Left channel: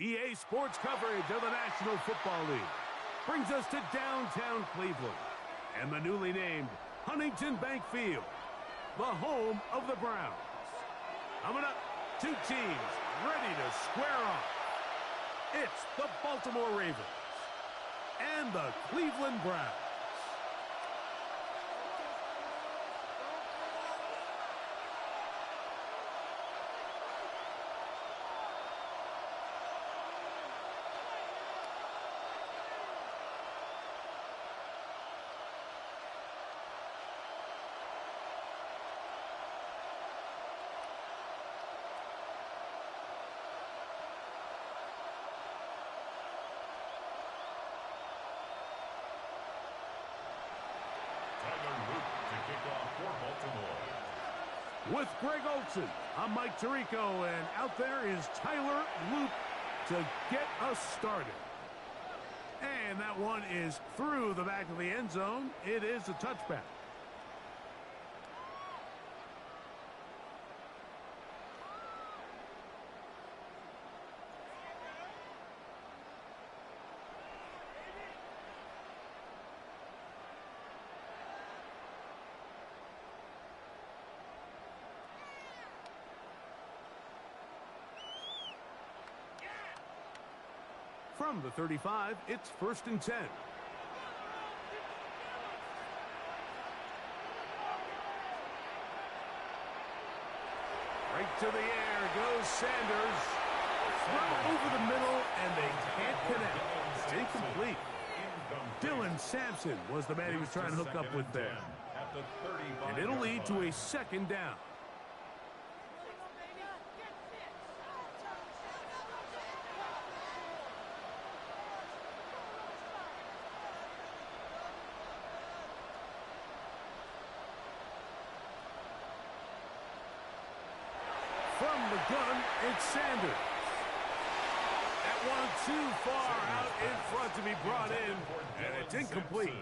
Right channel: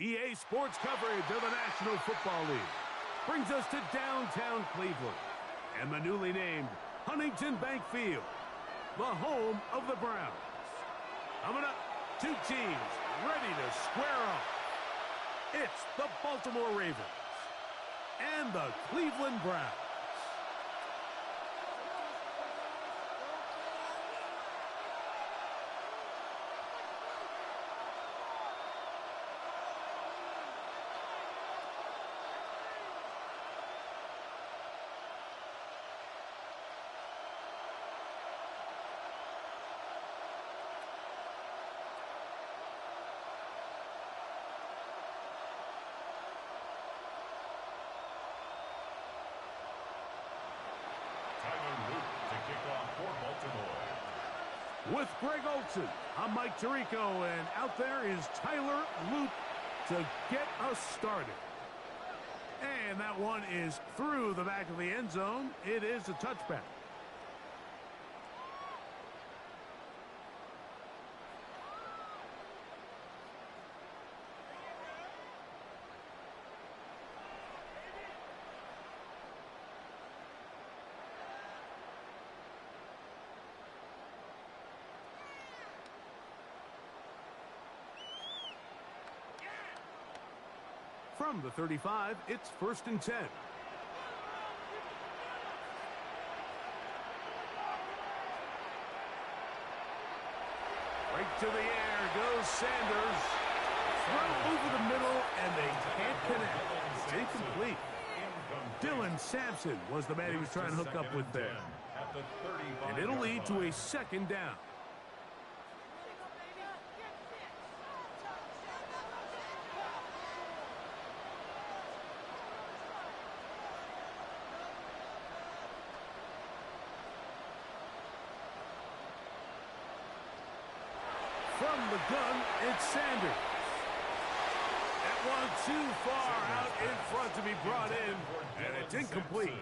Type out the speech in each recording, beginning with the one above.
EA Sports coverage of the National Football League brings us to downtown Cleveland and the newly named Huntington Bank Field, the home of the Browns. Coming up, two teams ready to square off. It's the Baltimore Ravens and the Cleveland Browns. Tyler Luke to kick off for Baltimore. With Greg Olsen, I'm Mike Tirico, and out there is Tyler Luke to get us started. And that one is through the back of the end zone. It is a touchback. From the 35, it's 1st and 10. Right to the air goes Sanders. Throw over the middle, and they can't connect. It's incomplete. Dylan Sampson was the man he was trying to hook up with there. And it'll lead to a 2nd down. From the gun, it's Sanders. That one too far out in front to be brought in, and it's incomplete.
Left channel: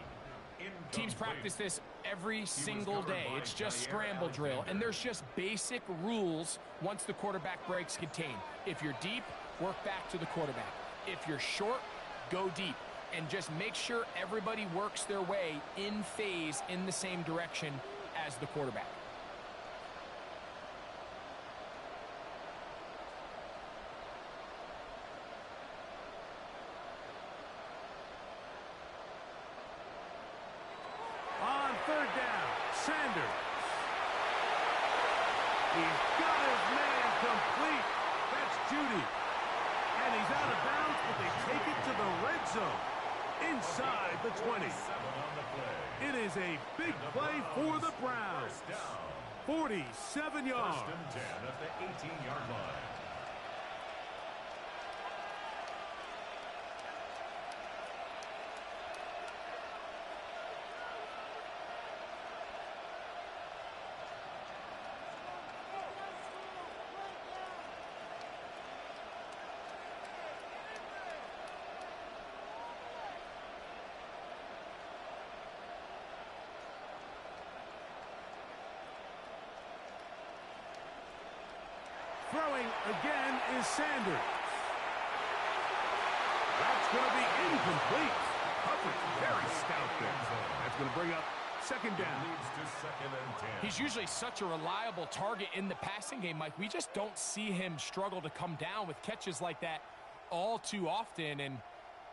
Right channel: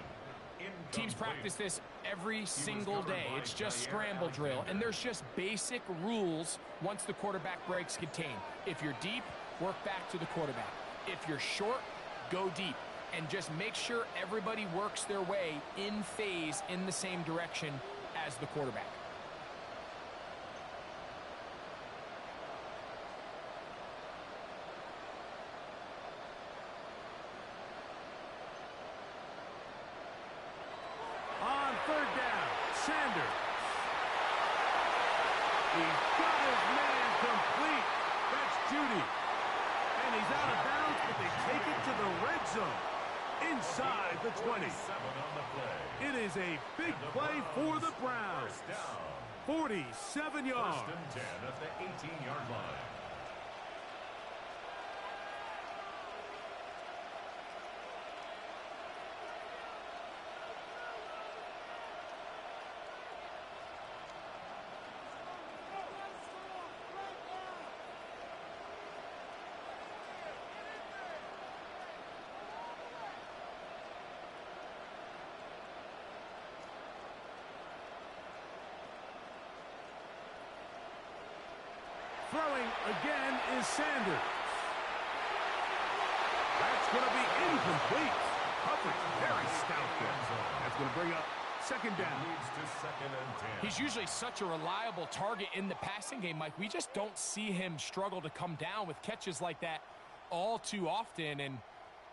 Teams practice this every single day. It's just scramble drill, and there's just basic rules once the quarterback breaks contain. If you're deep, work back to the quarterback. If you're short, go deep. And just make sure everybody works their way in phase in the same direction as the quarterback. On 3rd down, Sanders. He's got his man complete. That's Judy. And he's out of bounds, but they take it to the red zone. Inside the 20. It is a big play for the Browns. 47 yards. 1st and 10 at the 18-yard line. Throwing again is Sanders. That's going to be incomplete. Coverage very stout there. That's going to bring up 2nd down. Leads to 2nd and 10. He's usually such a reliable target in the passing game, Mike. We just don't see him struggle to come down with catches like that all too often. And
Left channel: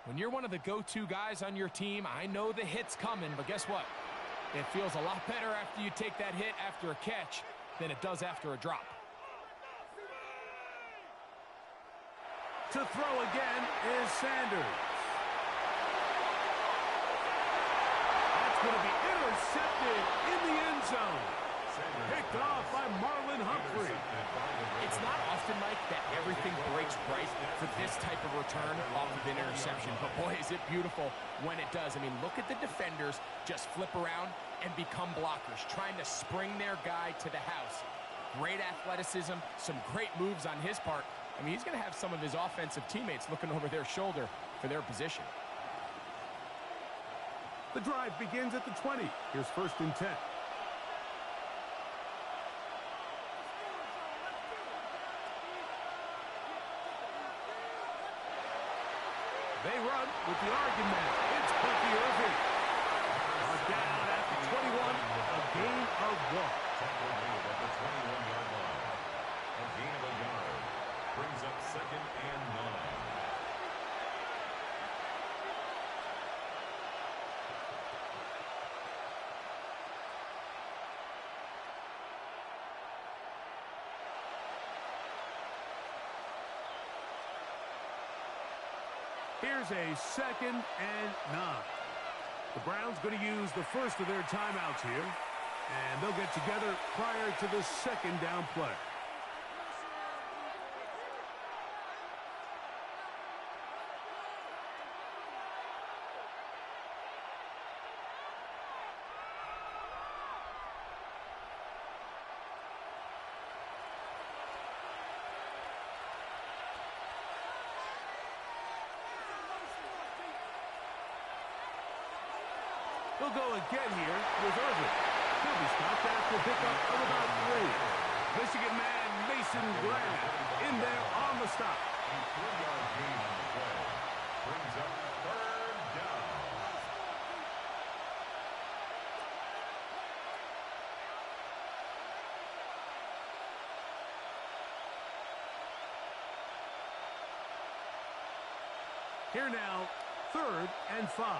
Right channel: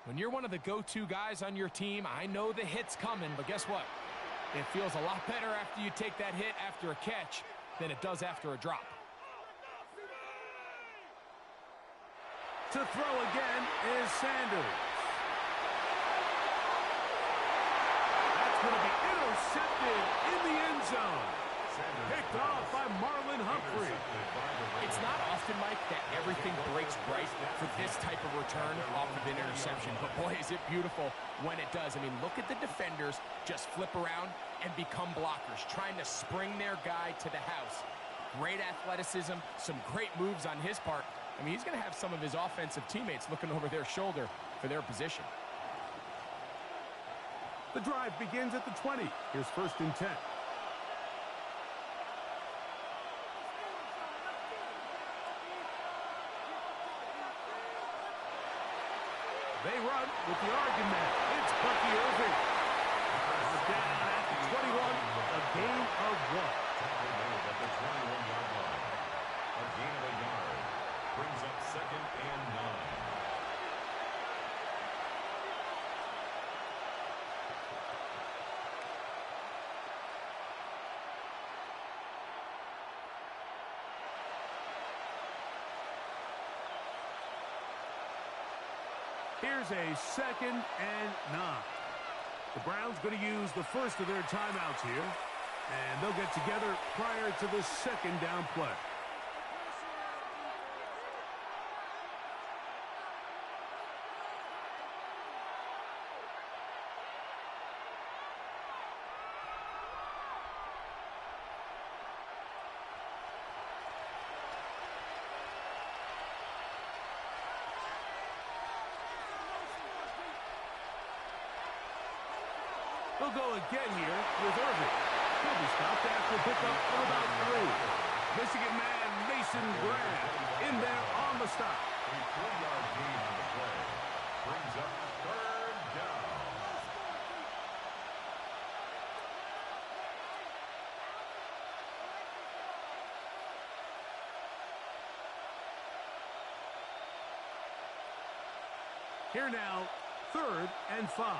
when you're one of the go-to guys on your team, I know the hit's coming, but guess what? It feels a lot better after you take that hit after a catch than it does after a drop. To throw again is Sanders. That's going to be intercepted in the end zone. Picked off by Marlon Humphrey. It's not often, Mike, that everything breaks right for this type of return off of an interception. But boy, is it beautiful when it does. I mean, look at the defenders just flip around and become blockers, trying to spring their guy to the house. Great athleticism, some great moves on his part. I mean, he's going to have some of his offensive teammates looking over their shoulder for their position. The drive begins at the 20. Here's 1st and 10. They run with the argument. It's Bucky Irving. Brought down at the 21, a gain of 1. Tackle made at the 21-yard line. A gain of a yard. Brings up 2nd and 9. Here's a 2nd and 9. The Browns going to use the first of their timeouts here, and they'll get together prior to the 2nd down play. They'll go again here with Irving. He'll be stopped after a pickup of about 3. Michigan man Mason Graham in there on the stop. A 3-yard gain on the play. Brings up 3rd down. Here now, 3rd and 5.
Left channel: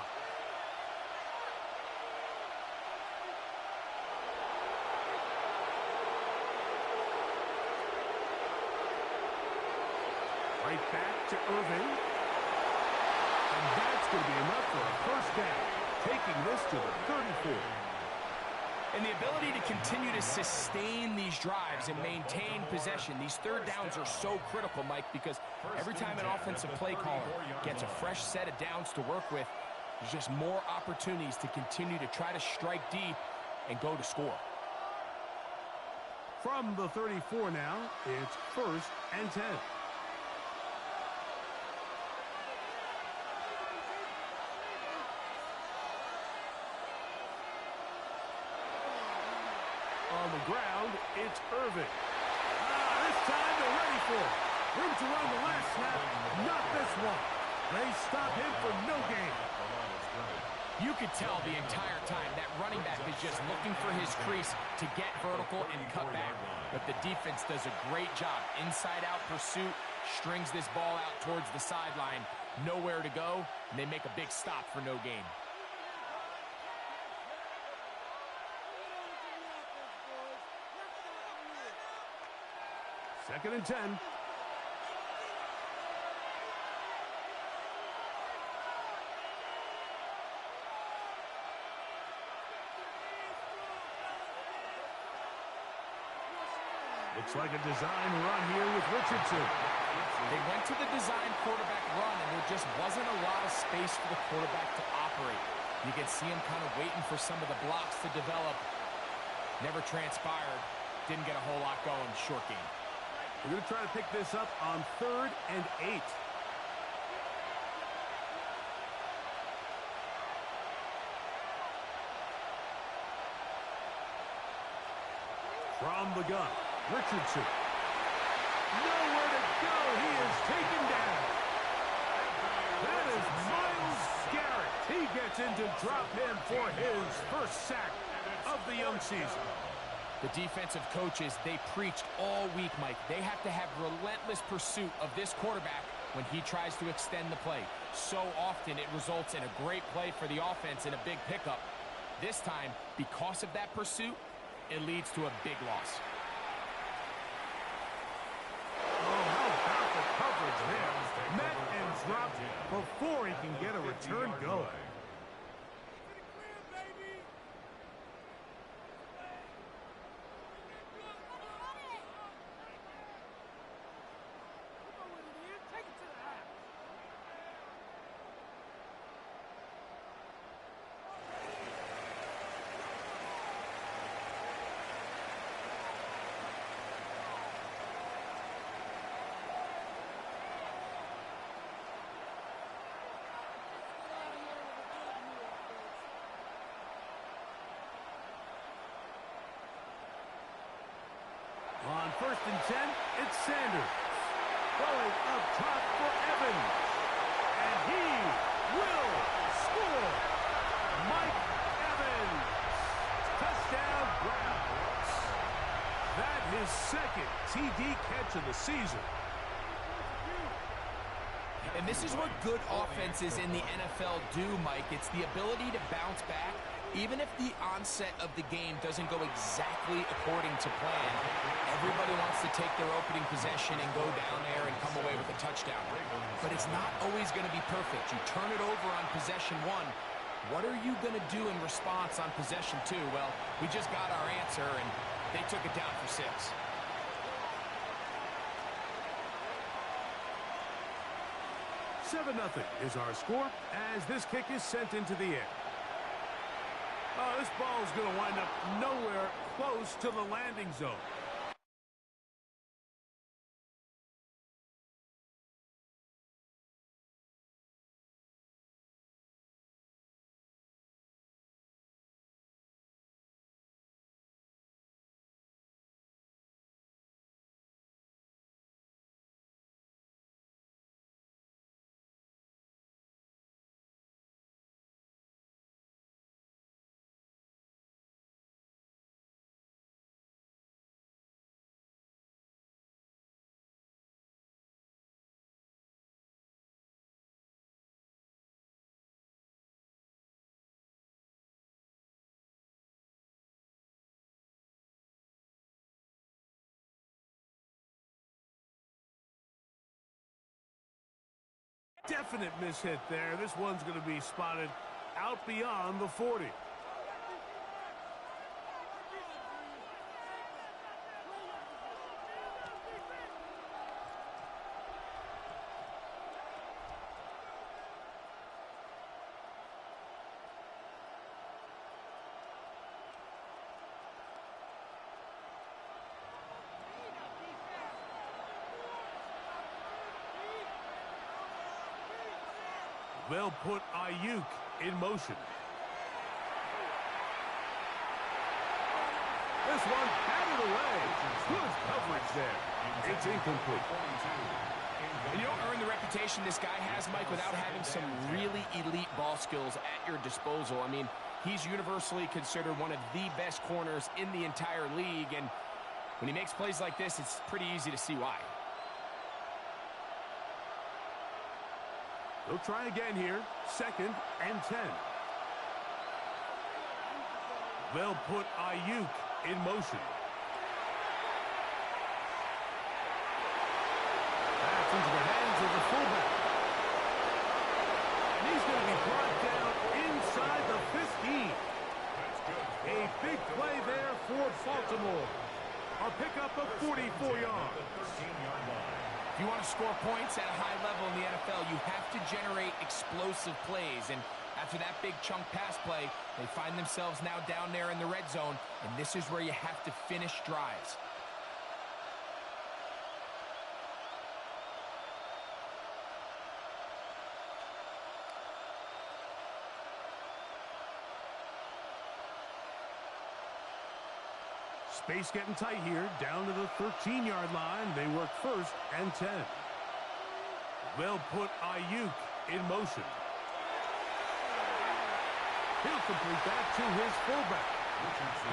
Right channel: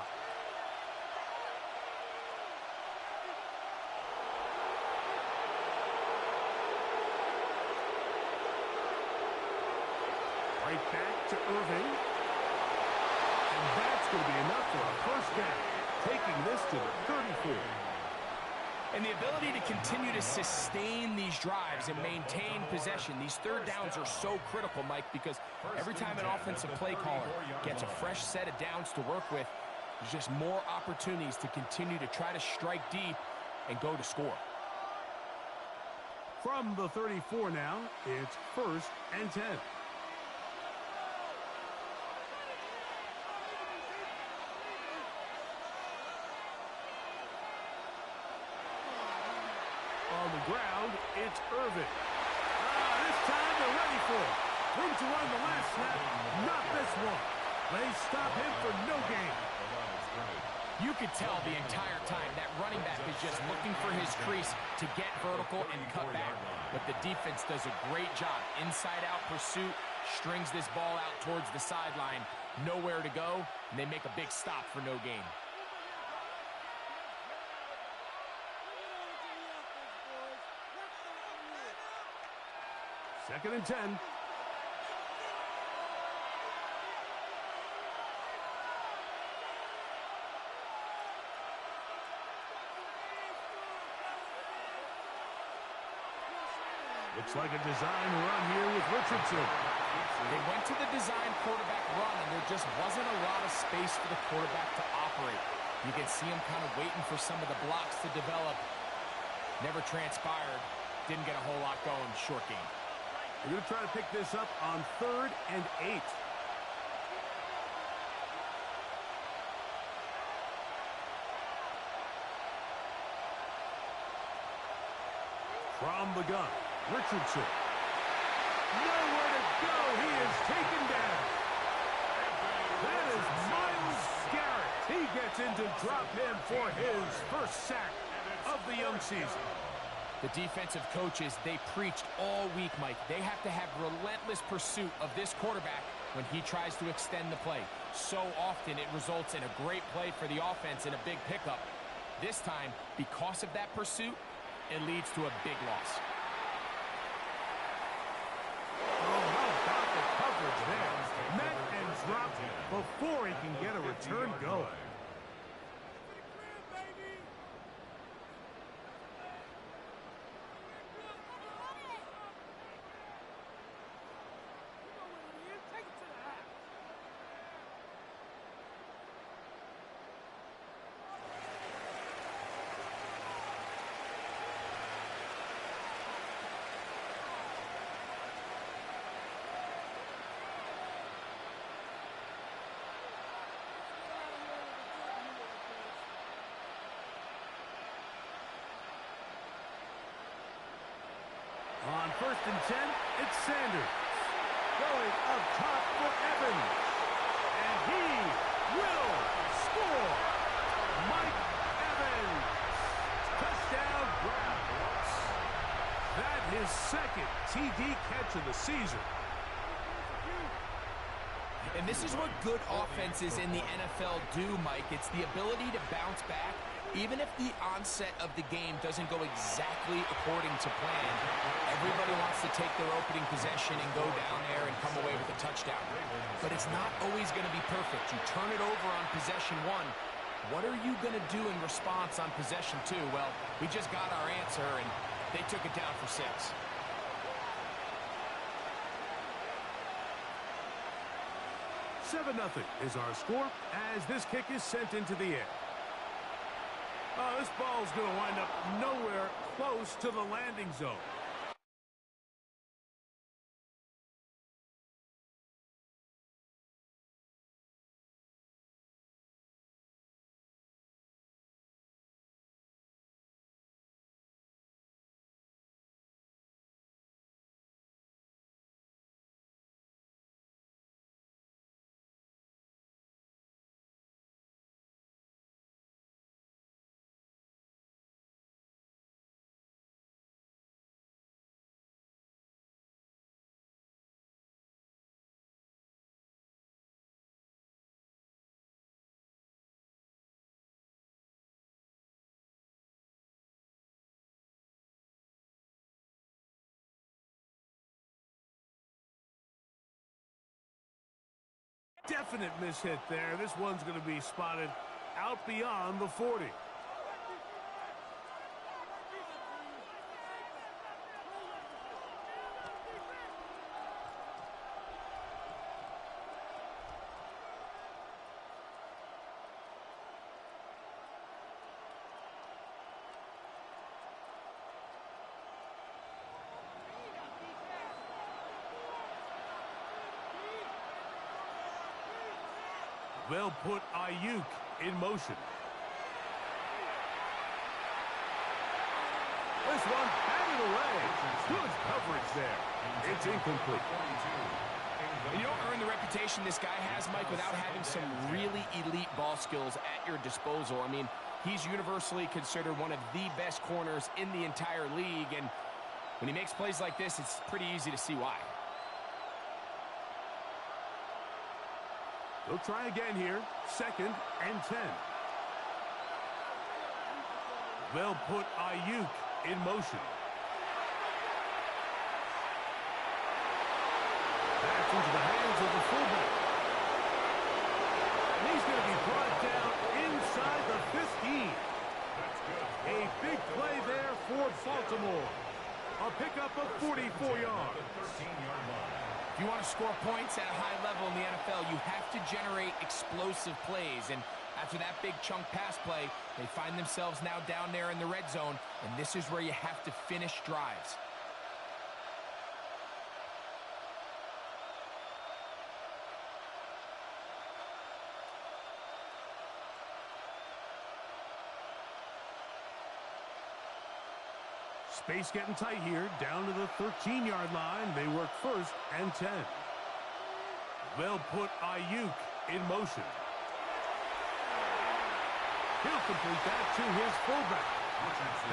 Right back to Irving. And that's going to be enough for a first down, taking this to the 34. And the ability to continue to sustain these drives and maintain possession, these 3rd downs are so critical, Mike, because every time an offensive play caller gets a fresh set of downs to work with, there's just more opportunities to continue to try to strike deep and go to score. From the 34 now, it's 1st and 10. On the ground, it's Irving. This time they're ready for it. Room to run the last snap, not this one. They stop him for no gain. You could tell the entire time that running back is just looking for his crease to get vertical and cut back. But the defense does a great job. Inside-out pursuit, strings this ball out towards the sideline. Nowhere to go, and they make a big stop for no gain. 2nd and 10. Looks like a design run here with Richardson. They went to the design quarterback run, and there just wasn't a lot of space for the quarterback to operate. You can see him kind of waiting for some of the blocks to develop. Never transpired. Didn't get a whole lot going. Short game. We're going to try to pick this up on 3rd and 8. From the gun, Richardson. Nowhere to go. He is taken down. That is Myles Garrett. He gets in to drop him for his first sack of the young season. The defensive coaches, they preached all week, Mike. They have to have relentless pursuit of this quarterback when he tries to extend the play. So often it results in a great play for the offense and a big pickup. This time, because of that pursuit, it leads to a big loss. Oh, how about the coverage there? Met and dropped before he can get a return going. On 1st and 10, it's Sanders. Going up top for Evans. And He will score. Mike Evans. Touchdown, Browns. That his second TD catch of the season. And this is what good offenses in the NFL do, Mike. It's the ability to bounce back, even if the onset of the game doesn't go exactly according to plan. Everybody wants to take their opening possession and go down there and come away with a touchdown. But it's not always going to be perfect. You turn it over on possession one. What are you going to do in response on possession two? Well, we just got our answer, and they took it down for 6. 7-0 is our score as this kick is sent into the air. Oh, this ball's going to wind up nowhere close to the landing zone. Definite mishit there. This one's going to be spotted out beyond the 40. They'll put Ayuk in motion. This one batted away. Good coverage there. It's incomplete. And you don't earn the reputation this guy has, Mike, without having some really elite ball skills at your disposal. I mean, he's universally considered one of the best corners in the entire league, and when he makes plays like this, it's pretty easy to see why. They'll try again here. 2nd and 10. They'll put Ayuk in motion. That's into the hands of the fullback. And he's going to be brought down inside the 15. A big play there for Baltimore. A pickup of 44 yards. If you want to score points at a high level in the NFL, you have to generate explosive plays. And after that big chunk pass play, they find themselves now down there in the red zone, and this is where you have to finish drives. Space getting tight here, down to the 13-yard line. They work 1st and 10. They'll put Ayuk in motion. He'll complete that to his fullback.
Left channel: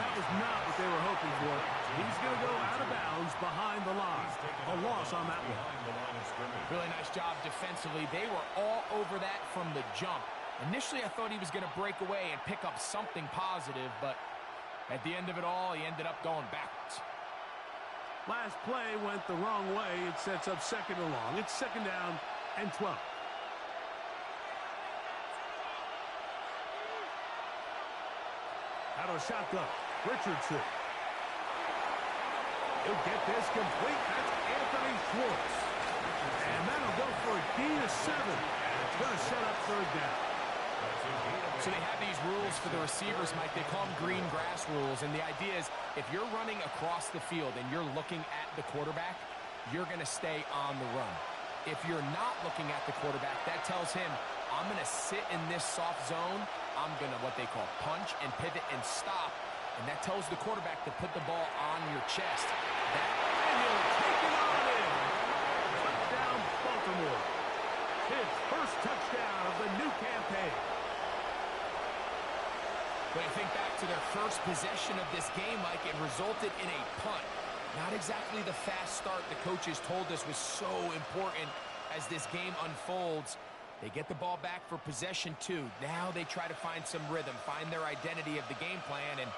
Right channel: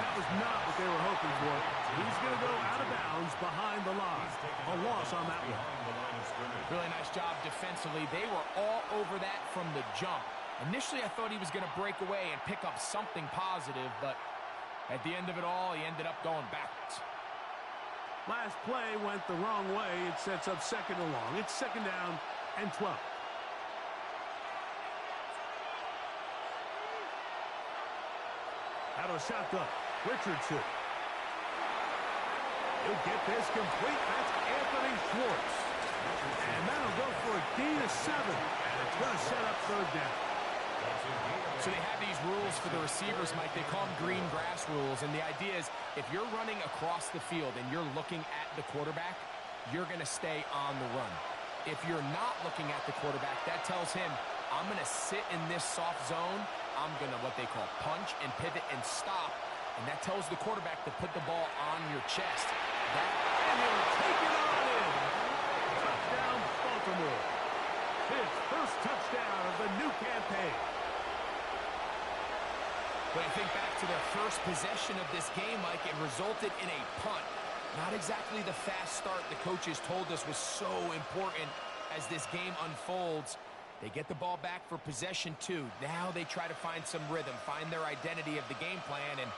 That was not what they were hoping for. He's going to go out of bounds behind the line. A loss on that one. Really nice job defensively. They were all over that from the jump. Initially, I thought he was going to break away and pick up something positive, but at the end of it all, he ended up going backwards. Last play went the wrong way. It sets up 2nd and long. It's 2nd down and 12. Out of a shotgun, Richardson. He'll get this complete. That's Anthony Schwartz. And that'll go for a gain of 7. It's going to set up 3rd down. So they have these rules for the receivers, Mike. They call them green grass rules. And the idea is if you're running across the field and you're looking at the quarterback, you're going to stay on the run. If you're not looking at the quarterback, that tells him, I'm going to sit in this soft zone. I'm going to what they call punch and pivot and stop. And that tells the quarterback to put the ball on your chest. And he'll take it on in. Touchdown, Baltimore. His first touchdown of the new campaign. When you think back to their first possession of this game, Mike, it resulted in a punt. Not exactly the fast start the coaches told us was so important as this game unfolds. They get the ball back for possession 2. Now they try to find some rhythm, find their identity of the game plan, and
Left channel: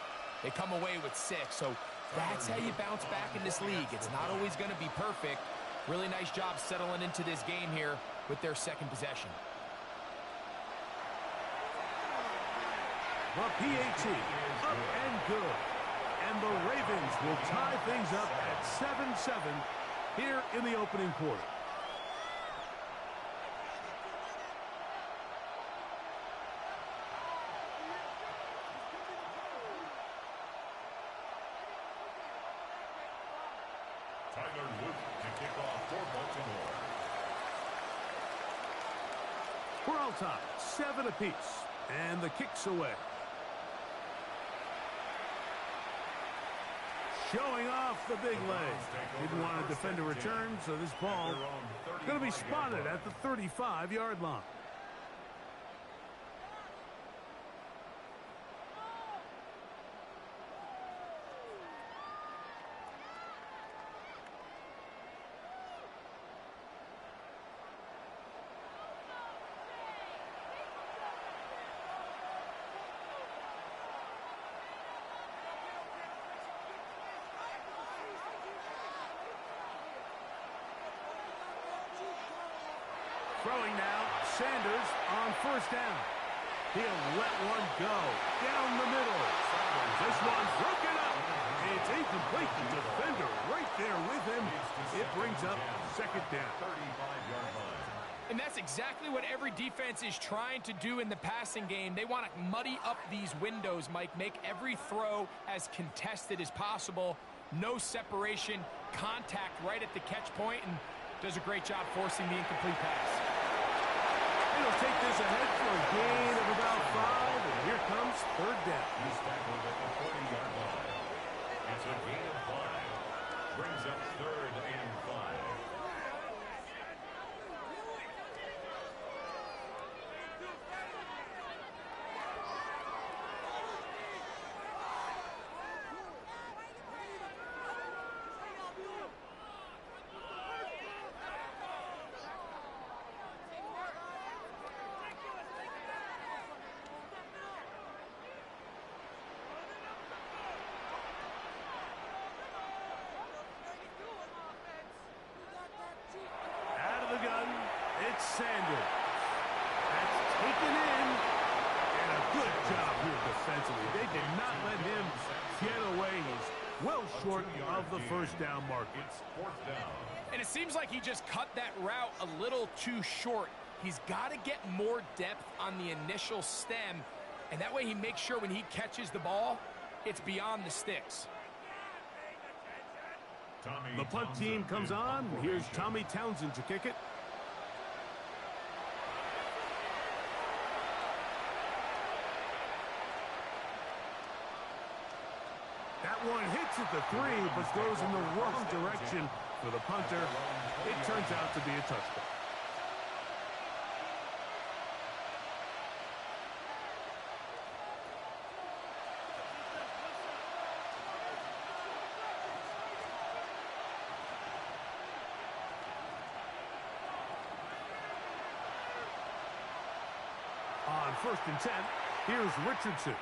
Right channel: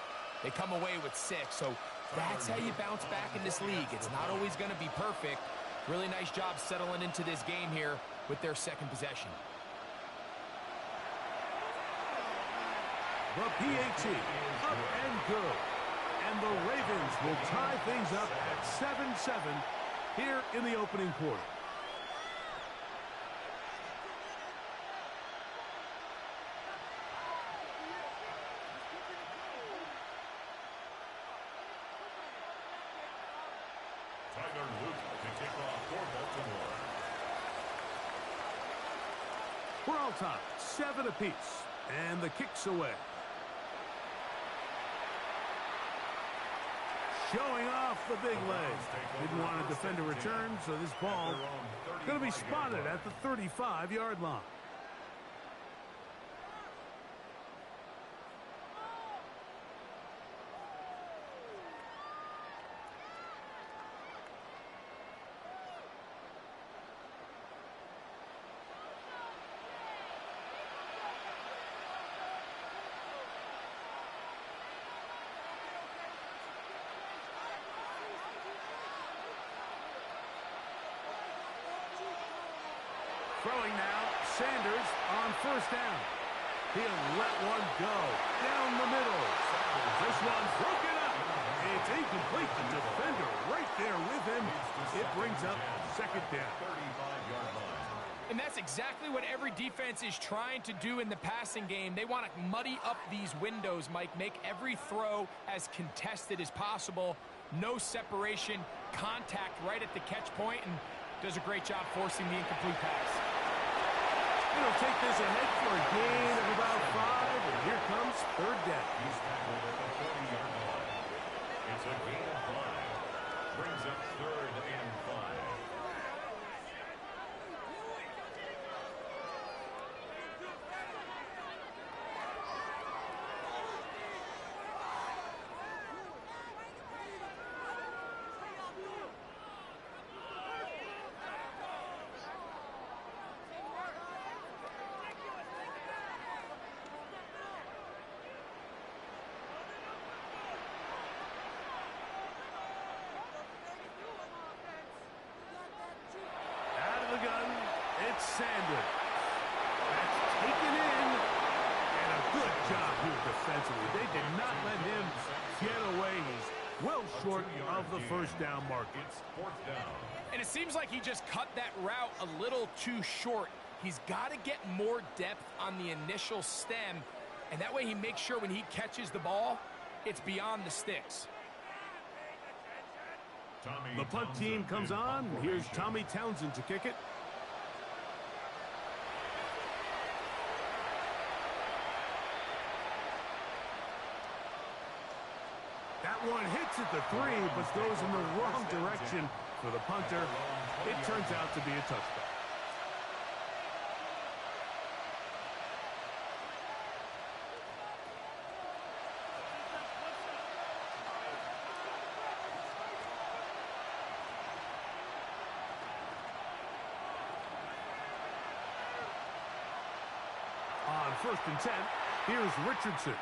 they come away with 6. So that's how you bounce back in this league. It's not always going to be perfect. Really nice job settling into this game here with their second possession. The PAT up and good. And the Ravens will tie things up at 7-7 here in the opening quarter. Tyler Luke to kick off for Baltimore. We're all tied, 7 apiece, and the kick's away. Showing off the big leg. Didn't want to defend a return, so this ball is going to be spotted at the 35-yard line. Throwing now, Sanders on first down. He'll let one go down the middle. This one broken up. It's incomplete. The defender right there with him. It brings up second down. 35-yard line. And that's exactly what every defense is trying to do in the passing game. They want to muddy up these windows, Mike, make every throw as contested as possible. No separation, contact right at the catch point, and does a great job forcing the incomplete pass. It'll take this ahead for a gain of about 5, and here comes third down. He's tackled at the 40-yard line. It's a gain of 5. Brings up third and 5. Gun, it's Sanders. That's taken in, and a good job here defensively. They did not let him get away. He's well short of the first down marker. It's fourth down. And it seems like he just cut that route a little too short. He's got to get more depth on the initial stem, and that way he makes sure when he catches the ball, it's beyond the sticks. The punt team comes on. Here's Tommy Townsend to kick it. That one hits at the 3, but goes in the wrong direction for the punter. It turns out to be a touchdown. On 1st and 10, here's Richardson.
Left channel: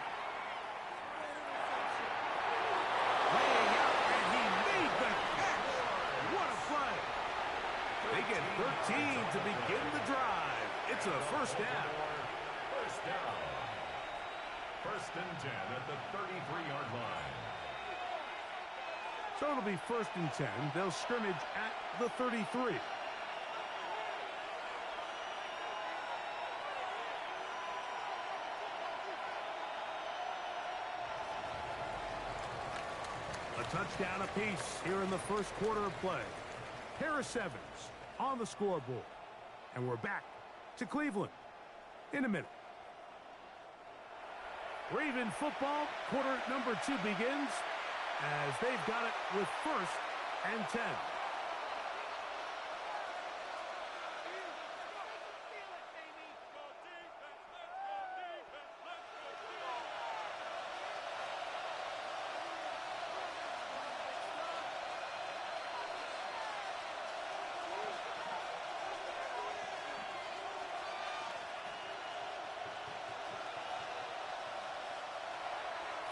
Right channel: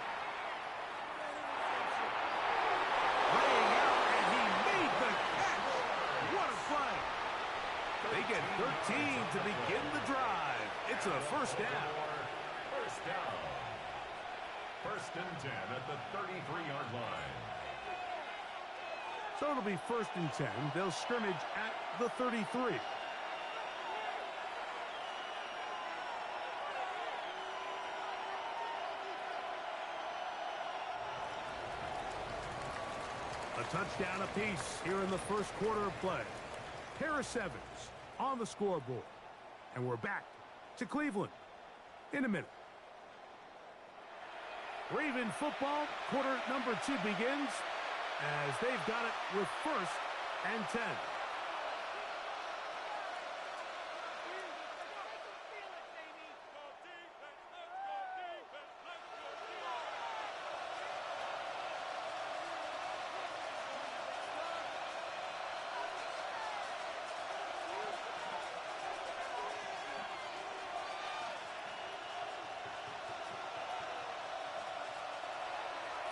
Laying out, and he made the catch. What a play. They get 13 to begin the drive. It's a first down. First down. 1st and 10 at the 33-yard line. So it'll be 1st and 10. They'll scrimmage at the 33. A touchdown apiece here in the first quarter of play. Pair of 7s on the scoreboard. And we're back to Cleveland in a minute. Raven football, quarter number 2 begins as they've got it with 1st and 10.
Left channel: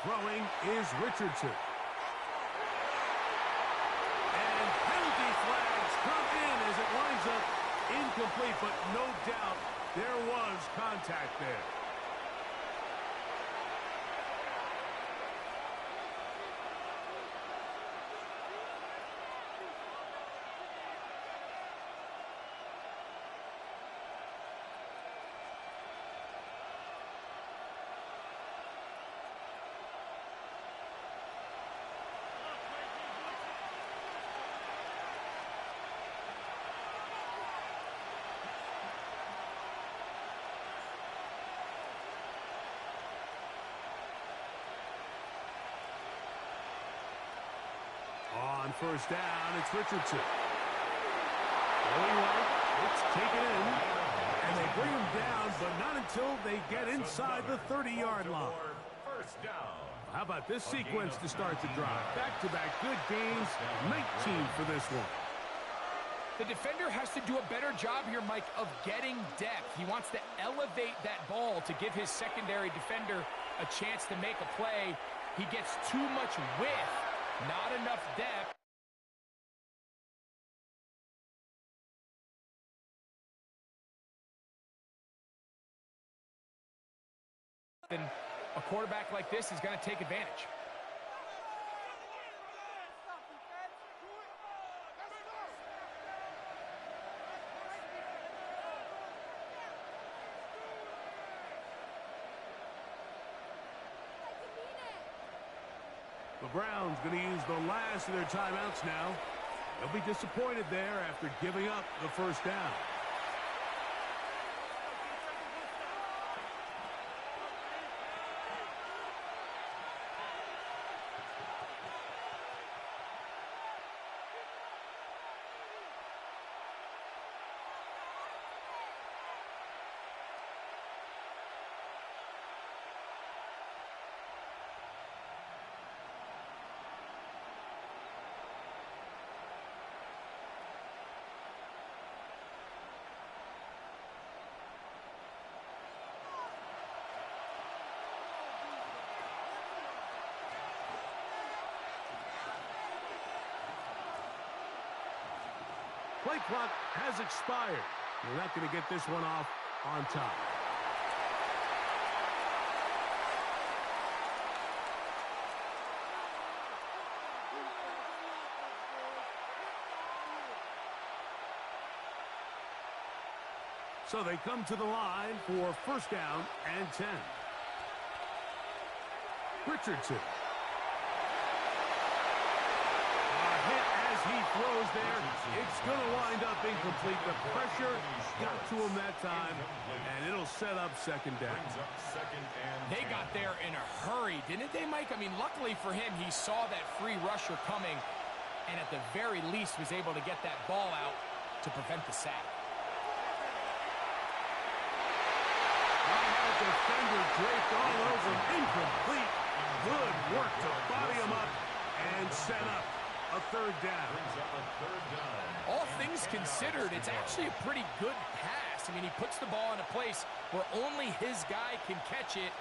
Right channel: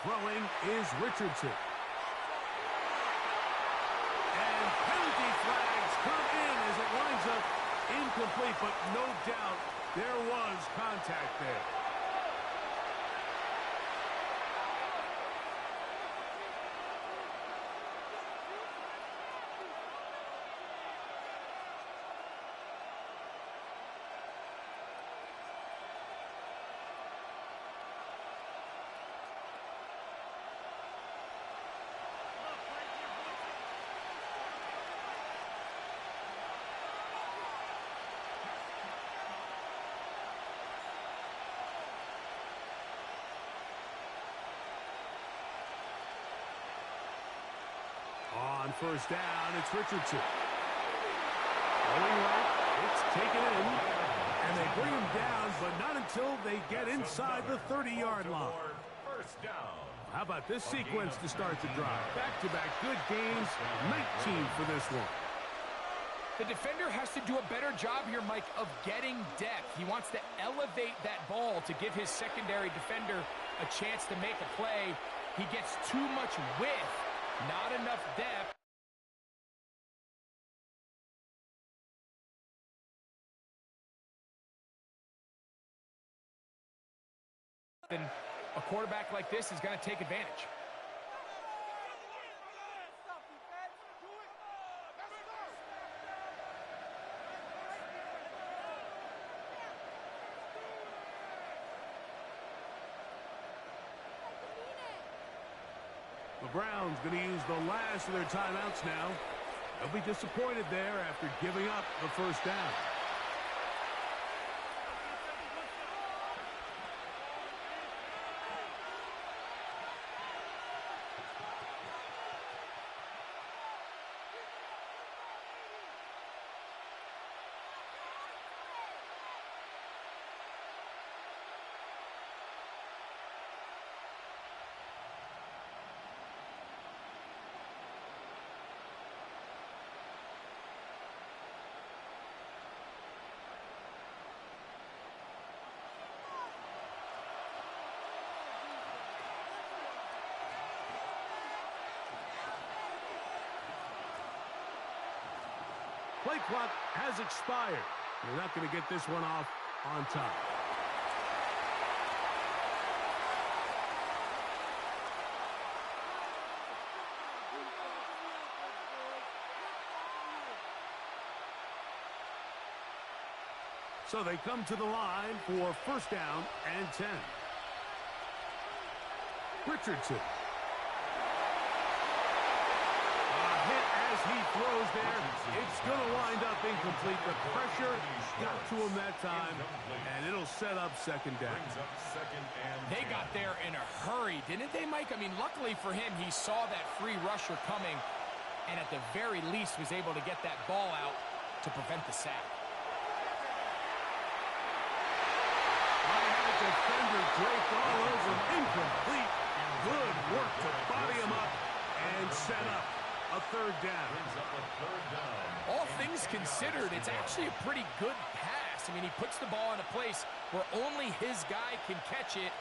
Throwing is Richardson. And penalty flags come in as it winds up incomplete, but no doubt there was contact there. On first down, it's Richardson. Going right, it's taken in. And they bring him down, but not until they get inside the 30-yard line. First down. How about this sequence to start the drive? Back-to-back good games, 19 for this one. The defender has to do a better job here, Mike, of getting depth. He wants to elevate that ball to give his secondary defender a chance to make a play. He gets too much width, not enough depth. And a quarterback like this is going to take advantage. The Browns going to use the last of their timeouts now. They'll be disappointed there after giving up the first down. Play clock has expired. They're not going to get this one off on top. So they come to the line for first down and 10. Richardson. He throws there. It's going to wind up incomplete. The pressure got to him that time, and it'll set up second down. They got there in a hurry, didn't they, Mike? I mean, luckily for him, he saw that free rusher coming, and at the very least was able to get that ball out to prevent the sack. I had a defender draped all over him. Incomplete. Good work to body him up and set up a third down. All things considered, it's actually a pretty good pass. I mean, he puts the ball in a place where only his guy can catch it.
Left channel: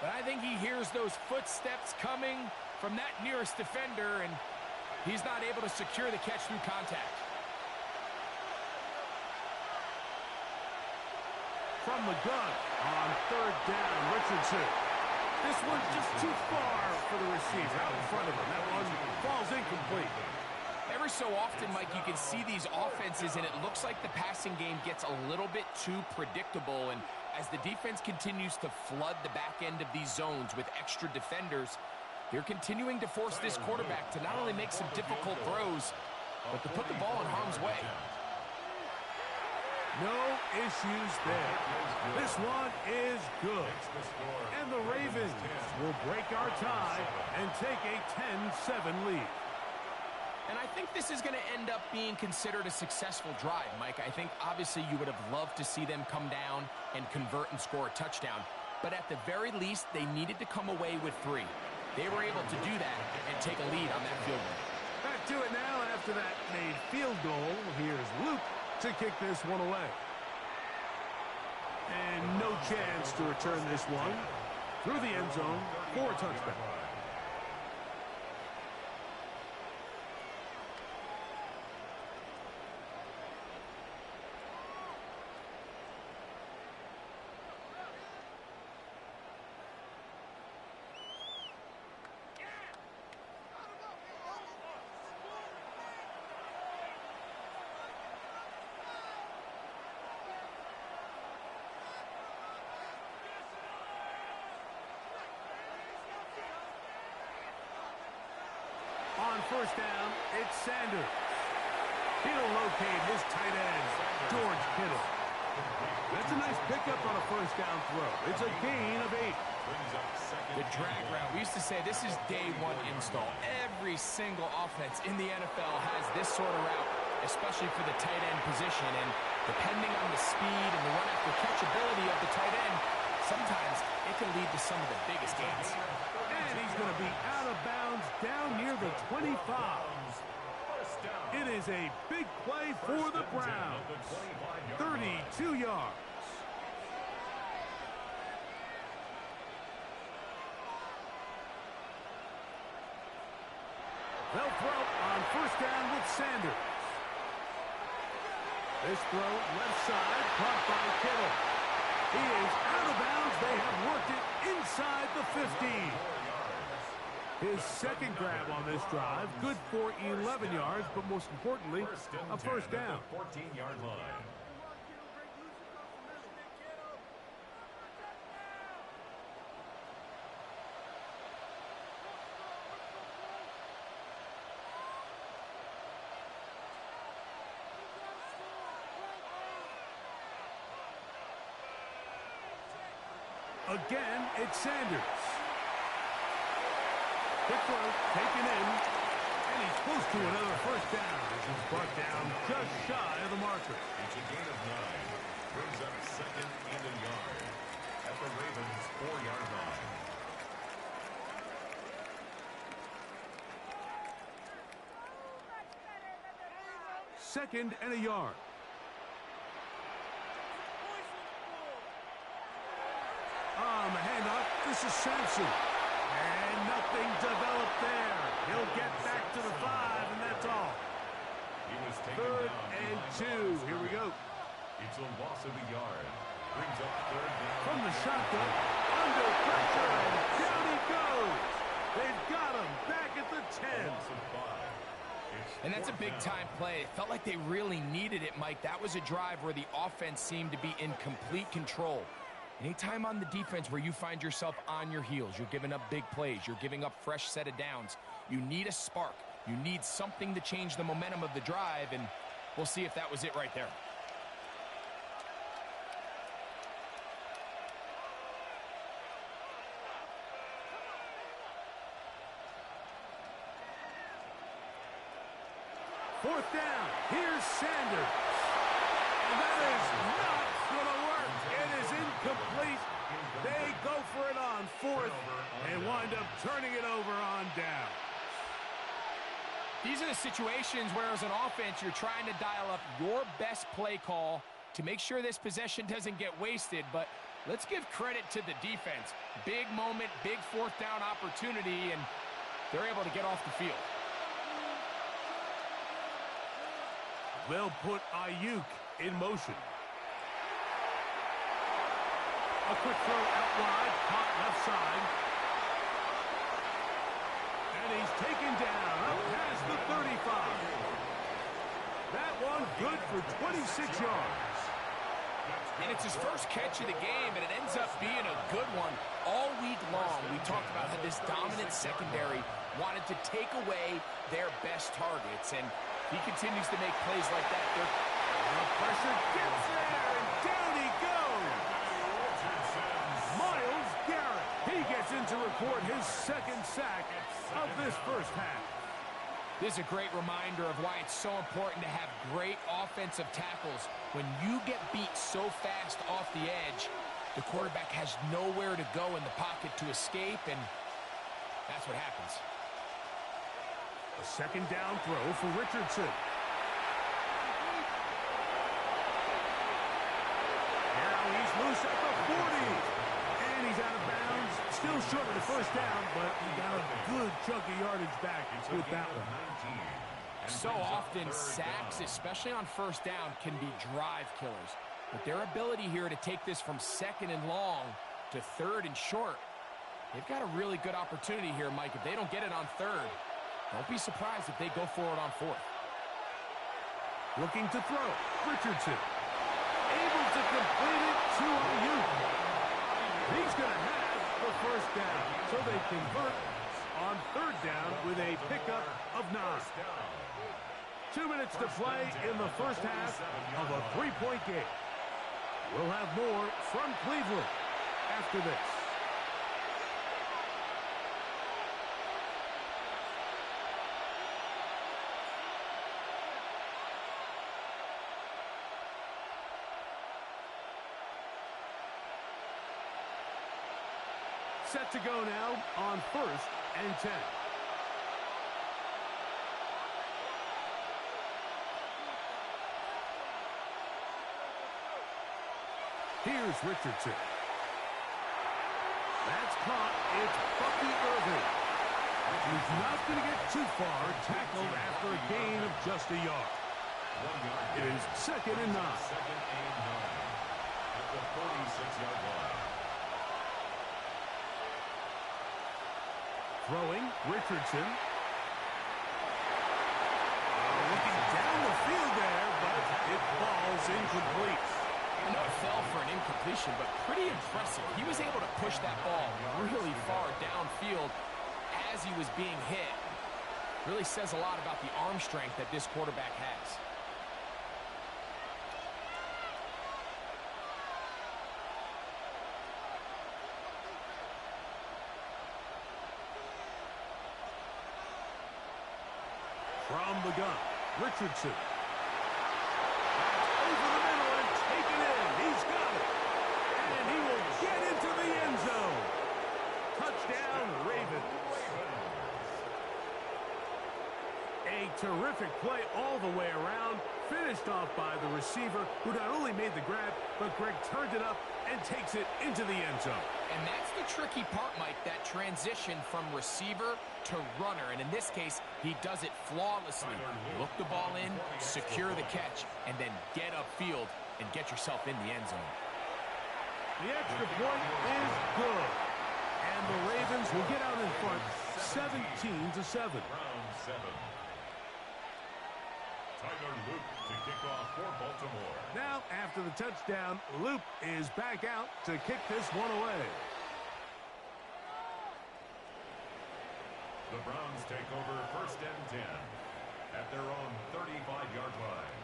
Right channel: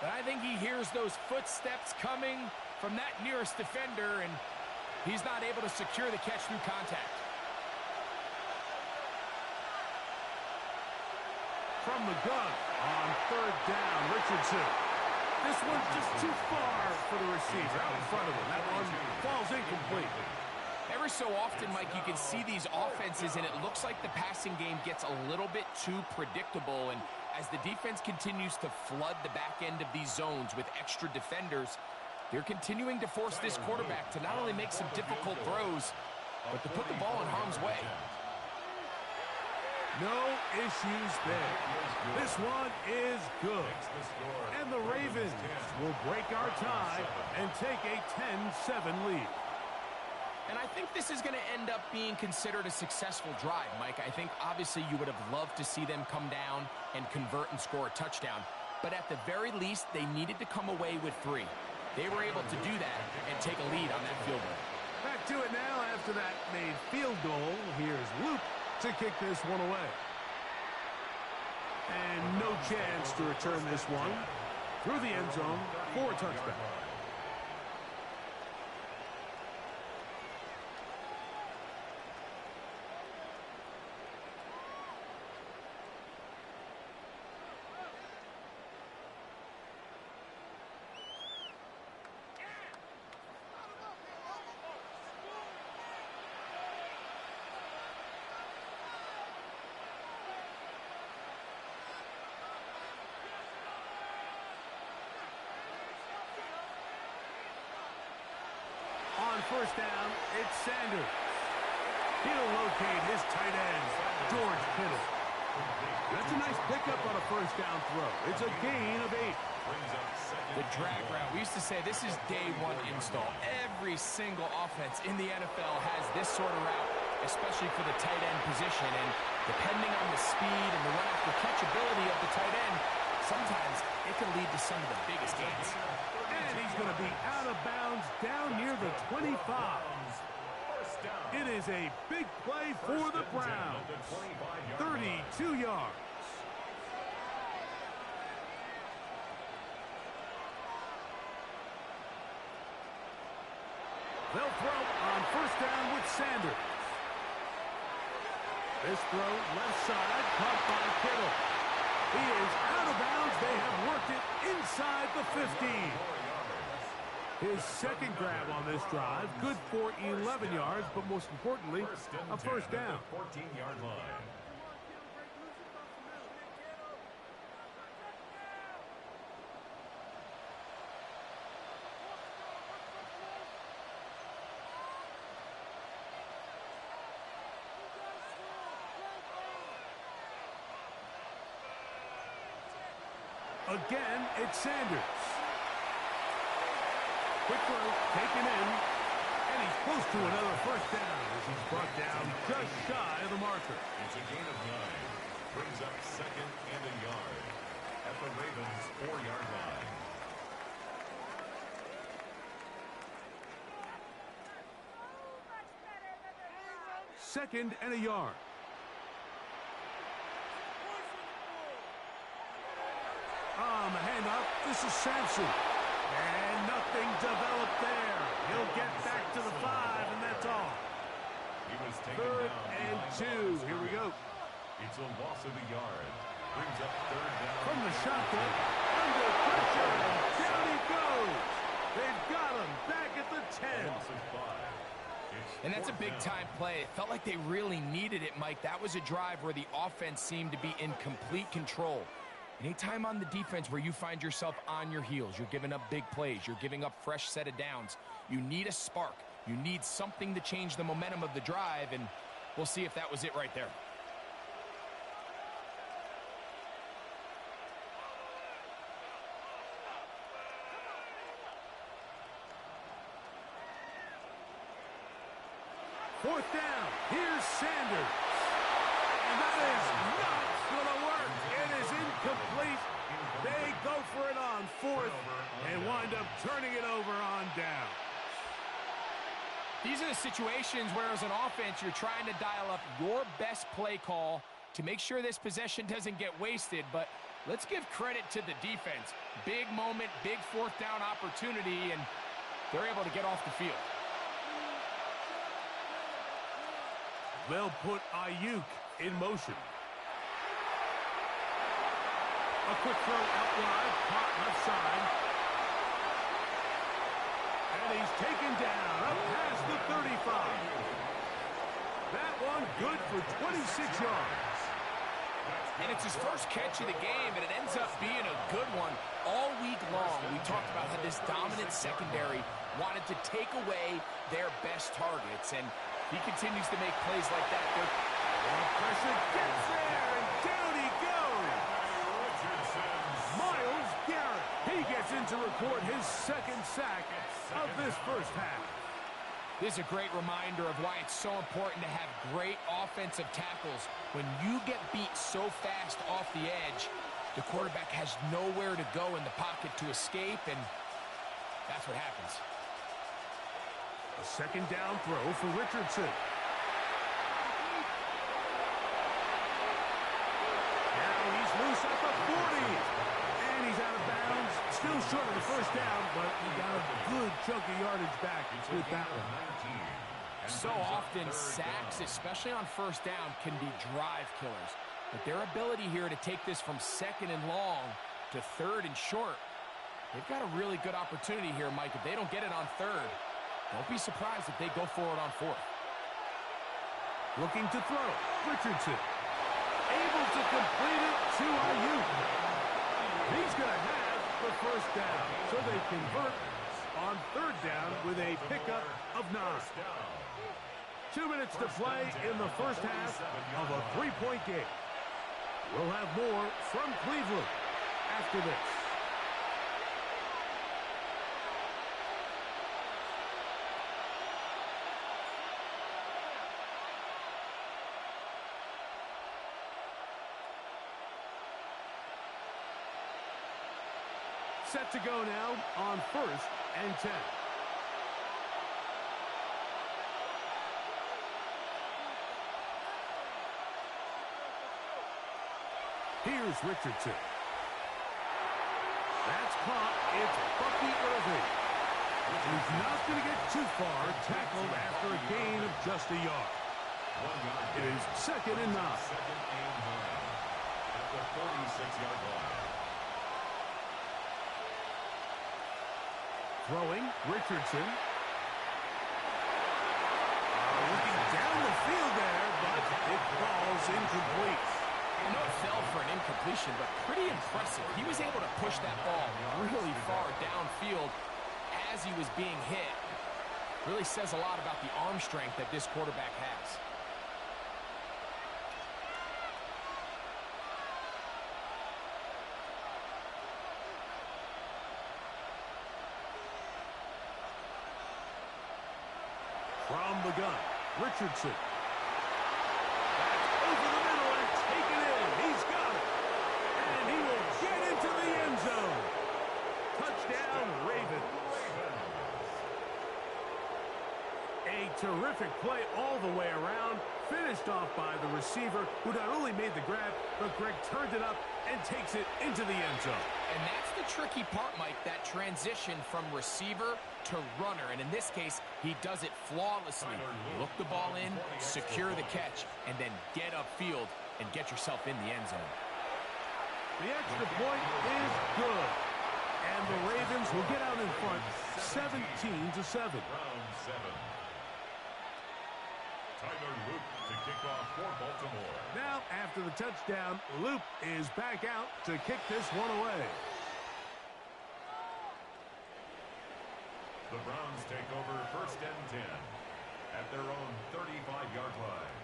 But I think he hears those footsteps coming from that nearest defender, and he's not able to secure the catch through contact. From the gun on third down, Richardson. This one's just too far for the receiver out in front of him. That one falls incomplete. Every so often, Mike, you can see these offenses, and it looks like the passing game gets a little bit too predictable. And as the defense continues to flood the back end of these zones with extra defenders, they're continuing to force this quarterback to not only make some difficult throws, but to put the ball in harm's way. No issues there. This one is good. And the Ravens will break our tie and take a 10-7 lead. And I think this is going to end up being considered a successful drive, Mike. I think obviously you would have loved to see them come down and convert and score a touchdown. But at the very least, they needed to come away with 3. They were able to do that and take a lead on that field goal. Back to it now after that made field goal. Here's Luke to kick this one away. And no chance to return this one. through the end zone for a touchback. On first down, it's Sanders. He'll locate his tight end, George Kittle. That's a nice pickup on a first down throw. It's a gain of 8. The drag route. We used to say this is day one install. Every single offense in the NFL has this sort of route, especially for the tight end position. And depending on the speed and the run-after-catch ability of the tight end, sometimes it can lead to some of the biggest gains. And he's going to be out of bounds down near the 25. It is a big play for the Browns. 32 yards. They'll throw on first down with Sanders. This throw left side, caught by Kittle. He is out of bounds. They have worked it inside the 15. His second grab on this drive, good for 11 yards, but most importantly, a first down. 14-yard line. Again, it's Sanders. Quick throw, taken in, and he's close to another first down as he's brought down just shy of the marker. It's a gain of 9. Brings up second and a yard at the Ravens' 4-yard line. Second and a yard. On the handoff, this is Sampson. And nothing developed there. He'll get back to the 5, and that's all. He was taken Third down and 2. Here we go. It's a loss of a yard. Brings up third down. From the shotgun, under pressure, and down he goes. They've got him back at the 10. Loss of 5. And that's a big-time play. It felt like they really needed it, Mike. That was a drive where the offense seemed to be in complete control. Anytime on the defense where you find yourself on your heels, you're giving up big plays, you're giving up fresh set of downs, you need a spark. You need something to change the momentum of the drive, and we'll see if that was it right there. Fourth down. Here's Sanders. And that is not going to work. It is incomplete. They go for it on fourth and wind up turning it over on down. These are the situations where, as an offense, you're trying to dial up your best play call to make sure this possession doesn't get wasted. But let's give credit to the defense. Big moment, big fourth down opportunity, and they're able to get off the field. They'll put Ayuk in motion. A quick throw out wide, caught left side. And he's taken down up past the 35. That one good for 26 yards. And it's his first catch of the game, and it ends up being a good one. All week long, we talked about how this dominant secondary wanted to take away their best targets, and he continues to make plays like that. The pressure gets there, and down he goes. Myles Garrett. He gets in to record his second sack of this first half. This is a great reminder of why it's so important to have great offensive tackles. When you get beat so fast off the edge, the quarterback has nowhere to go in the pocket to escape, and that's what happens. A second down throw for Richardson. Now he's loose at the 40. And he's out of bounds Still short of the first down, but he got a good chunk of yardage back with that one. So often, sacks, especially on first down, can be drive killers. But their ability here to take this from second and long to third and short, they've got a really good opportunity here, Mike. If they don't get it on third, don't be surprised if they go for it on fourth. Looking to throw. Richardson. Able to complete it to Ayuk. He's going to have the first down. So they convert on third down with a pickup of 9. 2 minutes to play in the first half of a 3-point game. We'll have more from Cleveland after this. Set to go now on 1st and 10. Here's Richardson. That's caught. It's Bucky Irving. He's not going to get too far, tackled after a gain of just a yard. It is 2nd and 9. 2nd and 9 at the 46-yard line. Throwing, Richardson. Looking down the field there, but it falls incomplete. I know it fell for an incompletion, but pretty impressive. He was able to push that ball really far downfield as he was being hit. Really says a lot about the arm strength that this quarterback has. From the gun, Richardson. That's over the middle and taken in. He's got it. And he will get into the end zone. Touchdown, Ravens. A terrific play all the way around. Finished off by the receiver, who not only made the grab, but Greg turned it up and takes it into the end zone. And that's the tricky part, Mike, that transition from receiver to runner. And in this case, he does it flawlessly. Look the ball in, secure the catch, and then get upfield and get yourself in the end zone. The extra point is good. And the Ravens will get out in front 17-7. Round 7. Tyler Loop to kick off for Baltimore. Now, after the touchdown, Loop is back out to kick this one away. The Browns take over 1st and 10 at their own 35-yard line.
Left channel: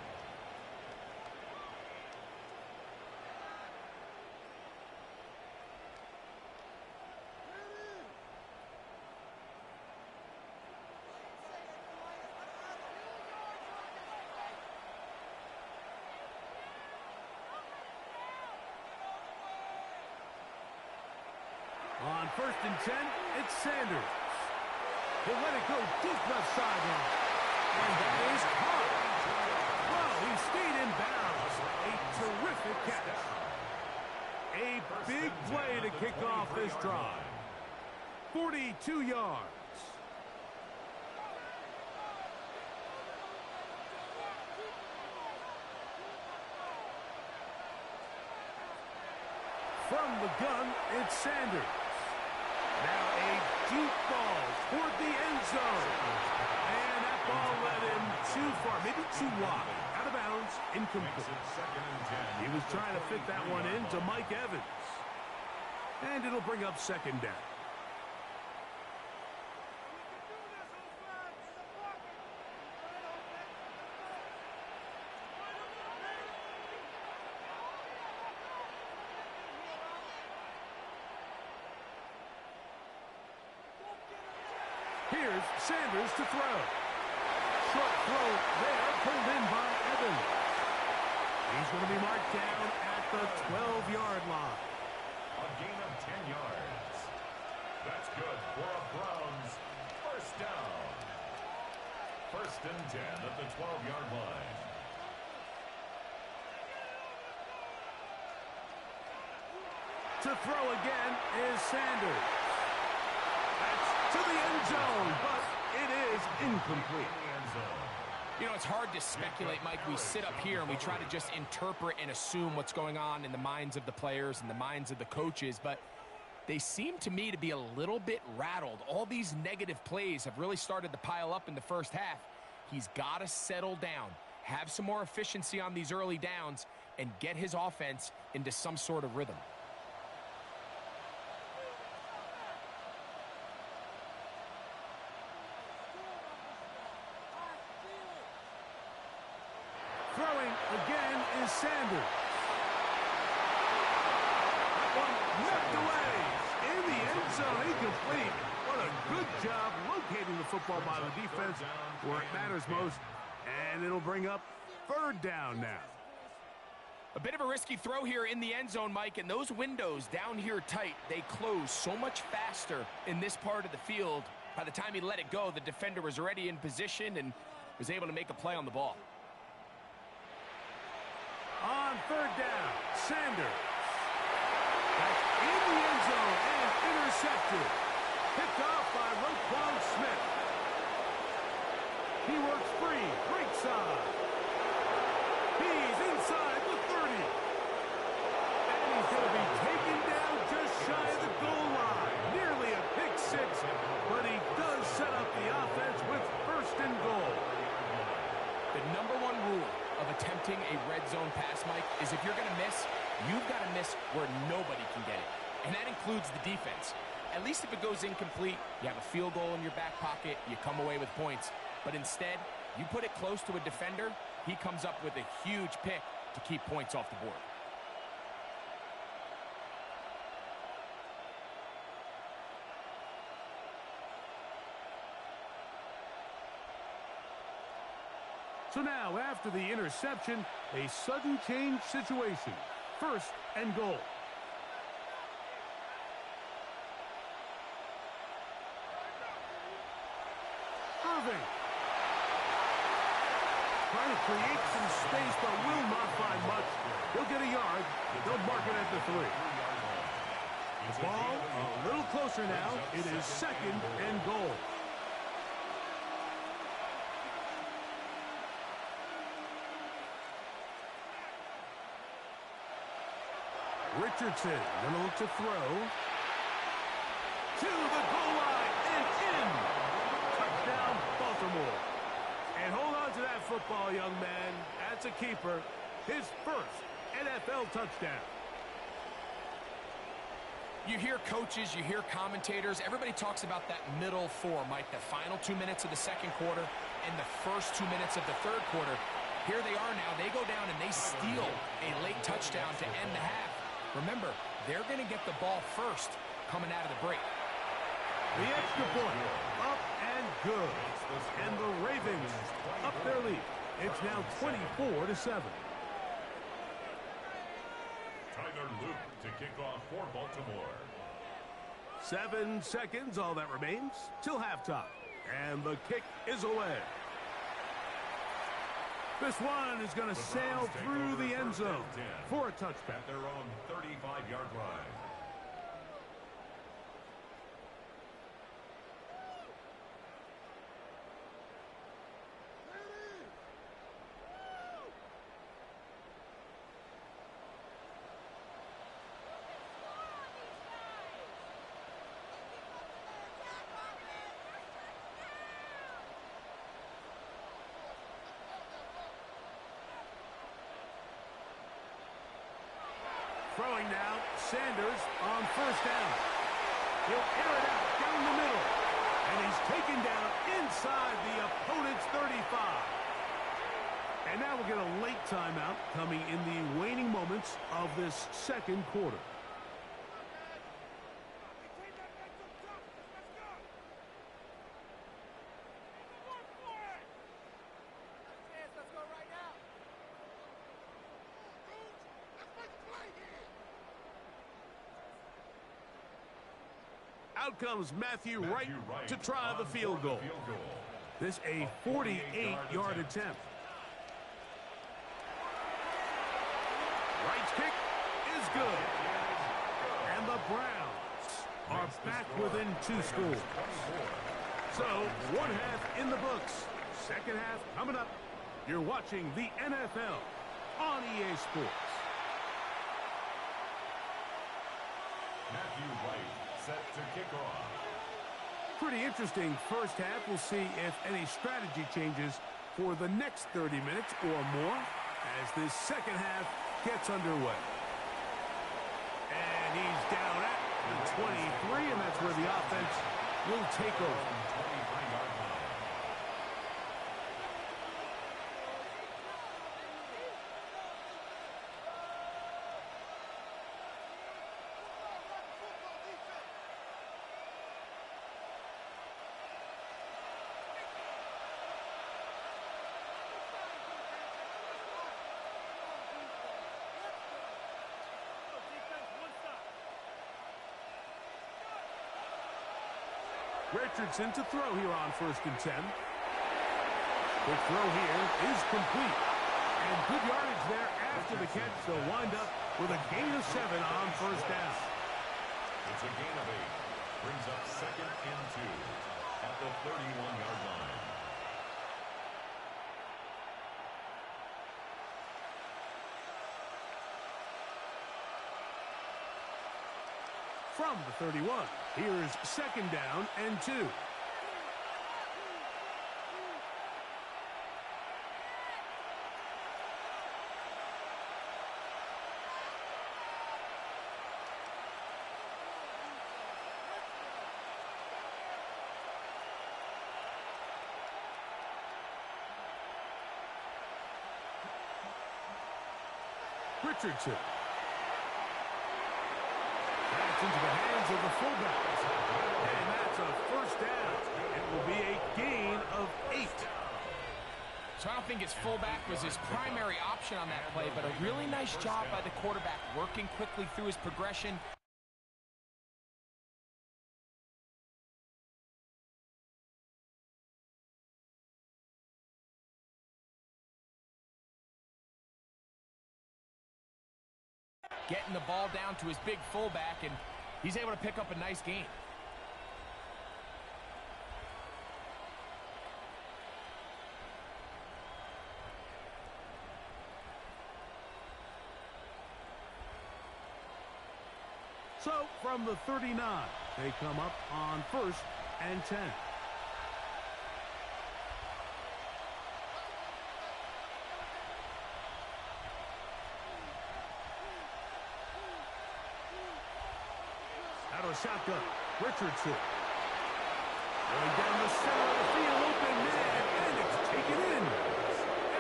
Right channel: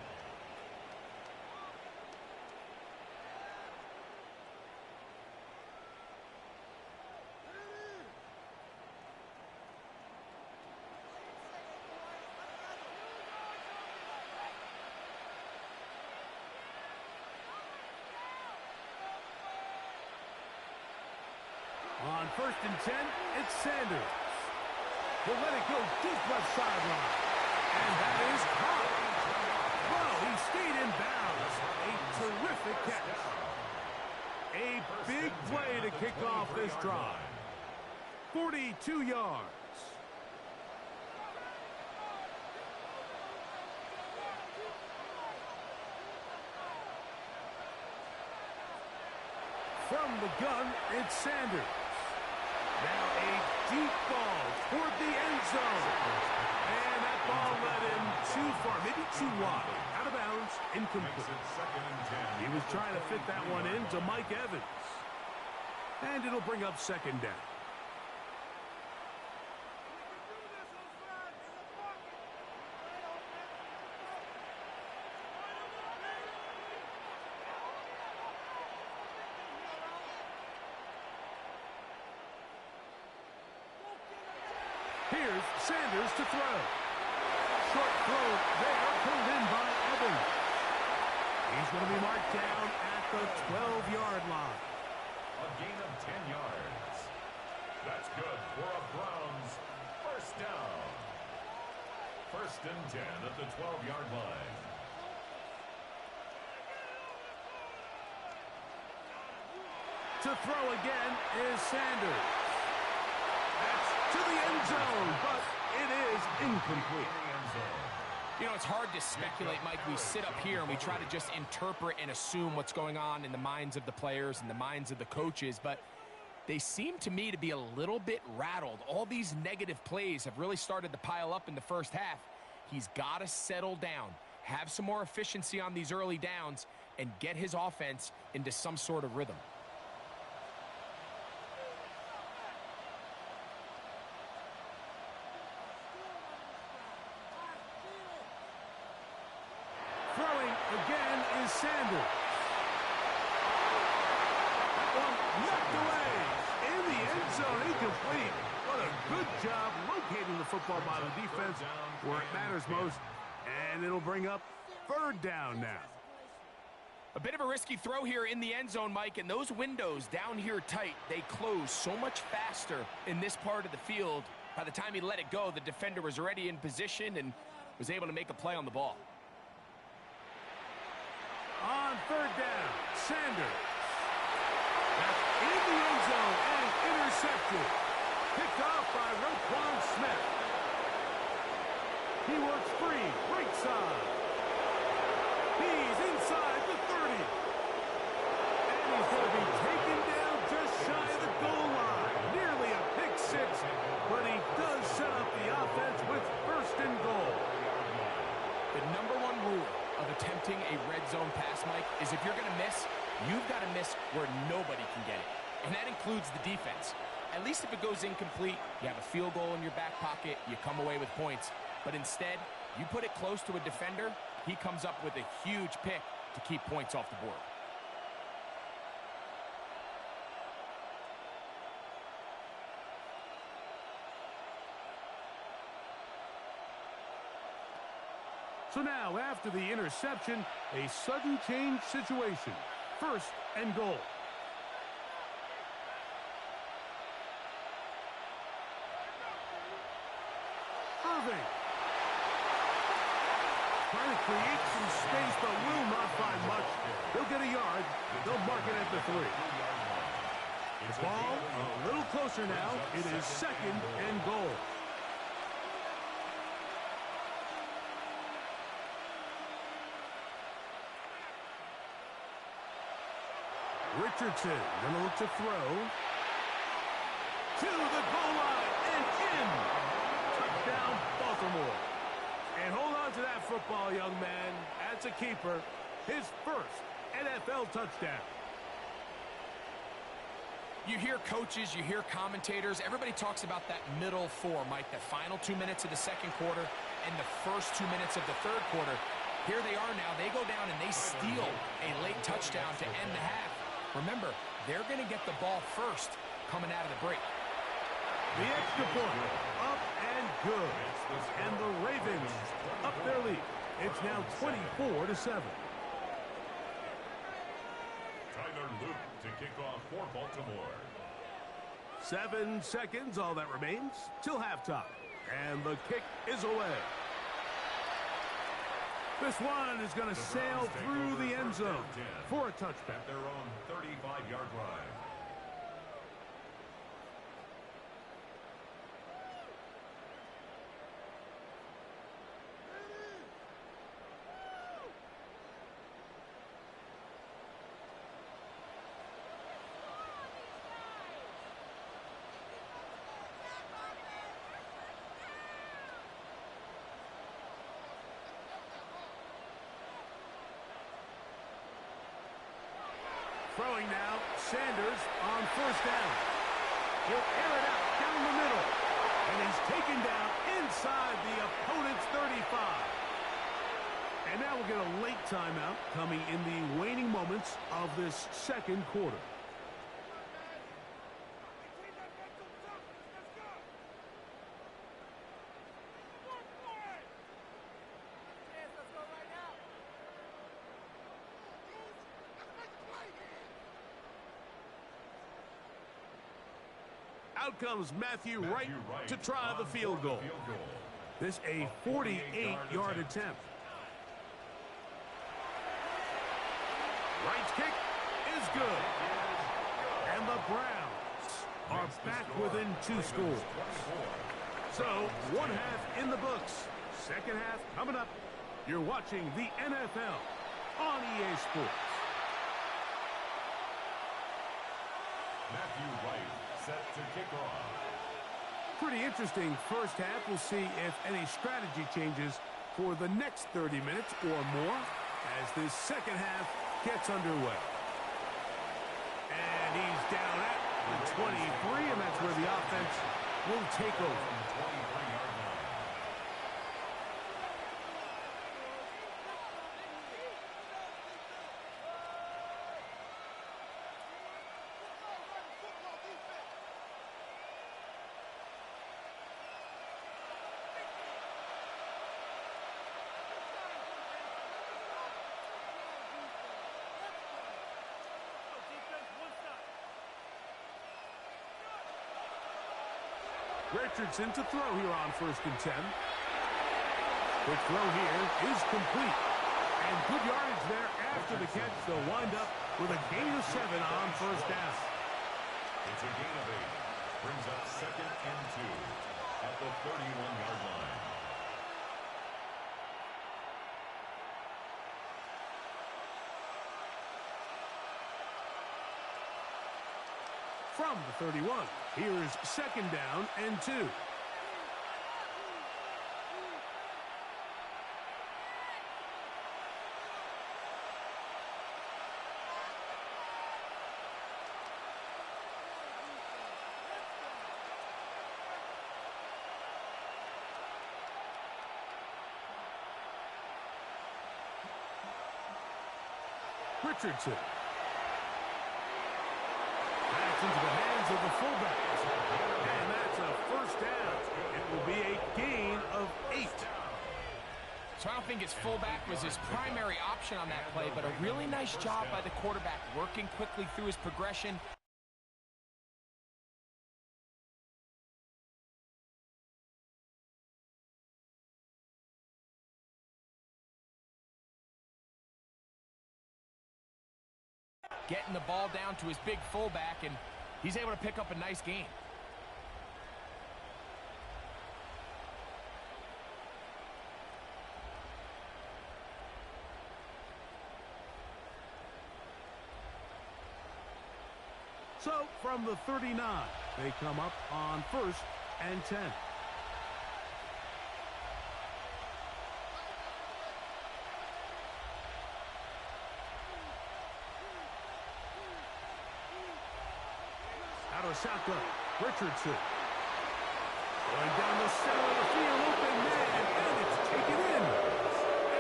On 1st and 10, it's Sanders. He'll let it go deep left sideline. And that is caught. Well, he stayed in bounds. A terrific catch. A big play to kick off this drive. 42 yards. From the gun, it's Sanders. Now a deep ball toward the end zone. And that ball led him too far, maybe too wide. Out of bounds, incomplete. He was trying to fit that one into Mike Evans. And it'll bring up 2nd down. Here's Sanders to throw. Short throw there, pulled in by Evans. He's going to be marked down at the 12-yard line. A gain of 10 yards. That's good for a Browns 1st down. 1st and 10 at the 12-yard line. To throw again is Sanders. end zone, but it is incomplete. You know, it's hard to speculate, Mike. We sit up here and we try to just interpret and assume what's going on in the minds of the players and the minds of the coaches, but they seem to me to be a little bit rattled. All these negative plays have really started to pile up in the first half. He's got to settle down, have some more efficiency on these early downs, and get his offense into some sort of rhythm. Throwing again is Sanders. That one knocked away. In the end zone, incomplete. What a good job locating the football by the defense where it matters most. And it'll bring up third down now. A bit of a risky throw here in the end zone, Mike, and those windows down here tight, they close so much faster in this part of the field. By the time he let it go, the defender was already in position and was able to make a play on the ball. On third down, Sanders. That's in the end zone and intercepted. Picked off by Roquan Smith. He works free, right side. He's inside the 30. And he's going to be taken down just shy of the goal line. Nearly a pick six, but he does set up the offense with first and goal. The number one rule of attempting a red zone pass, Mike, is if you're going to miss, you've got to miss where nobody can get it. And that includes the defense. At least if it goes incomplete, you have a field goal in your back pocket, you come away with points. But instead, you put it close to a defender, he comes up with a huge pick to keep points off the board. So now, after the interception, a sudden change situation. First and goal. Irving. Trying to create some space, but will not find much. He'll get a yard. They'll mark it at the 3. The ball a little closer now. It is second and goal. Richardson going to look to throw. To the goal line and in. Touchdown, Baltimore. And hold on to that football, young man. That's a keeper. His first NFL touchdown. You hear coaches, you hear commentators. Everybody talks about that middle 4, Mike, the final 2 minutes of the second quarter and the first 2 minutes of the third quarter. Here they are now. They go down and they steal a late touchdown to end the half. Remember, they're going to get the ball first coming out of the break. The extra point, up and good. And the Ravens up their lead. It's now 24-7. Tyler Luke to kick off for Baltimore. 7 seconds, all that remains, till halftime. And the kick is away. This one is going to sail through the end zone for a touchback. At their own 35-yard line. Throwing now, Sanders on first down. He'll air it out down the middle. And he's taken down inside the opponent's 35. And now we'll get a late timeout coming in the waning moments of this second quarter. Out comes Matthew Wright to try the field goal. This a 48-yard attempt. Wright's kick is good. And the Browns are back within 2 scores. So, one half in the books. Second half coming up. You're watching the NFL on EA Sports. Matthew Wright set to kick off. Pretty interesting first half. We'll see if any strategy changes for the next 30 minutes or more as this second half gets underway. And he's down at the 23, and that's where the offense will take over. 23-yard line. Richardson to throw here on 1st and 10. Quick throw here is complete. And good yardage there after the catch. They'll wind up with a gain of 7 on 1st down. It's a gain of 8. Brings up 2nd and 2 at the 31-yard line. From the 31, here's 2nd down and 2. Richardson. That's into the hands of the fullbacks. And that's a 1st down. It will be a gain of 8. So I don't think his fullback was his primary option on that play, but a really nice job by the quarterback working quickly through his progression. Getting the ball down to his big fullback, and he's able to pick up a nice gain. So, from the 39, they come up on 1st and 10. Out of the shotgun, Richardson. Going down the center of the field, open man, and it's taken in.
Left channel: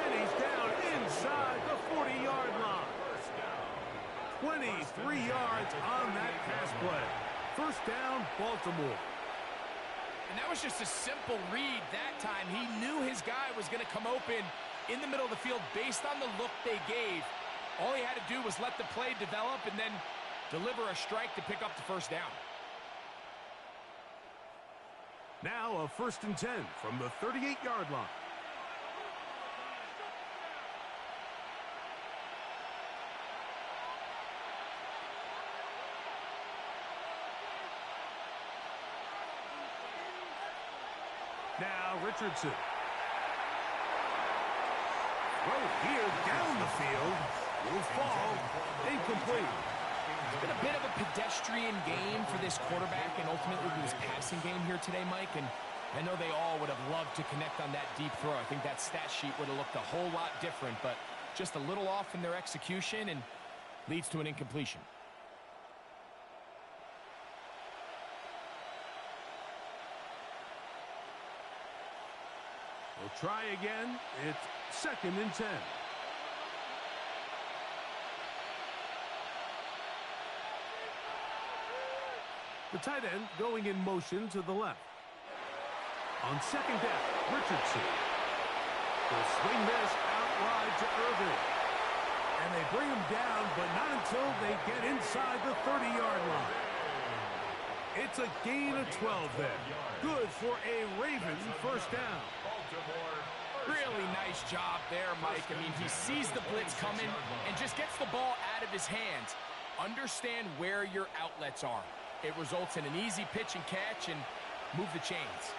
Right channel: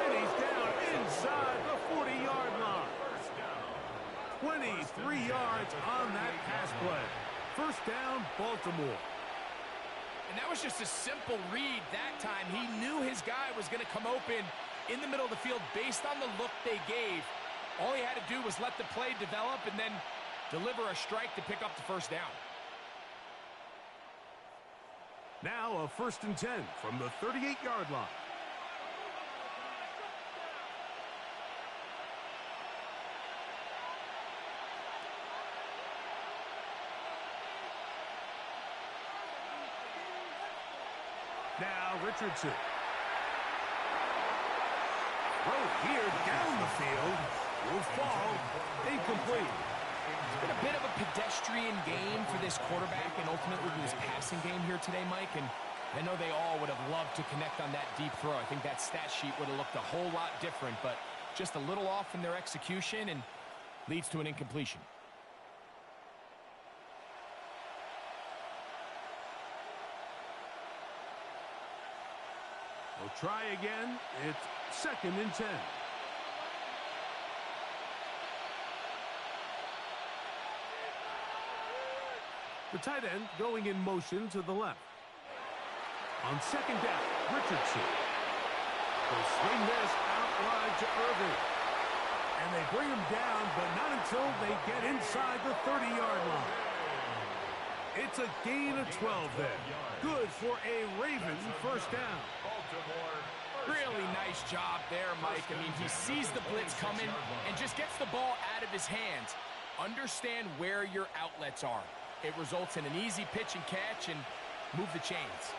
And he's down inside the 40-yard line. 23 yards on that pass play. 1st down, Baltimore. And that was just a simple read that time. He knew his guy was going to come open in the middle of the field based on the look they gave. All he had to do was let the play develop and then deliver a strike to pick up the 1st down. Now a 1st and 10 from the 38-yard line. Now Richardson. Throw here down the field. Will fall. Incomplete. It's been a bit of a pedestrian game for this quarterback and ultimately this passing game here today, Mike. And I know they all would have loved to connect on that deep throw. I think that stat sheet would have looked a whole lot different, but just a little off in their execution and leads to an incompletion. We'll try again. It's 2nd and 10. The tight end going in motion to the left. On 2nd down, Richardson. They'll swing this out wide to Irving. And they bring him down, but not until they get inside the 30-yard line. It's a gain of 12 there. Good for a Ravens 1st down. Really nice job there, Mike. I mean, he sees the blitz coming and just gets the ball out of his hands. Understand where your outlets are. It results in an easy pitch and catch and move the chains.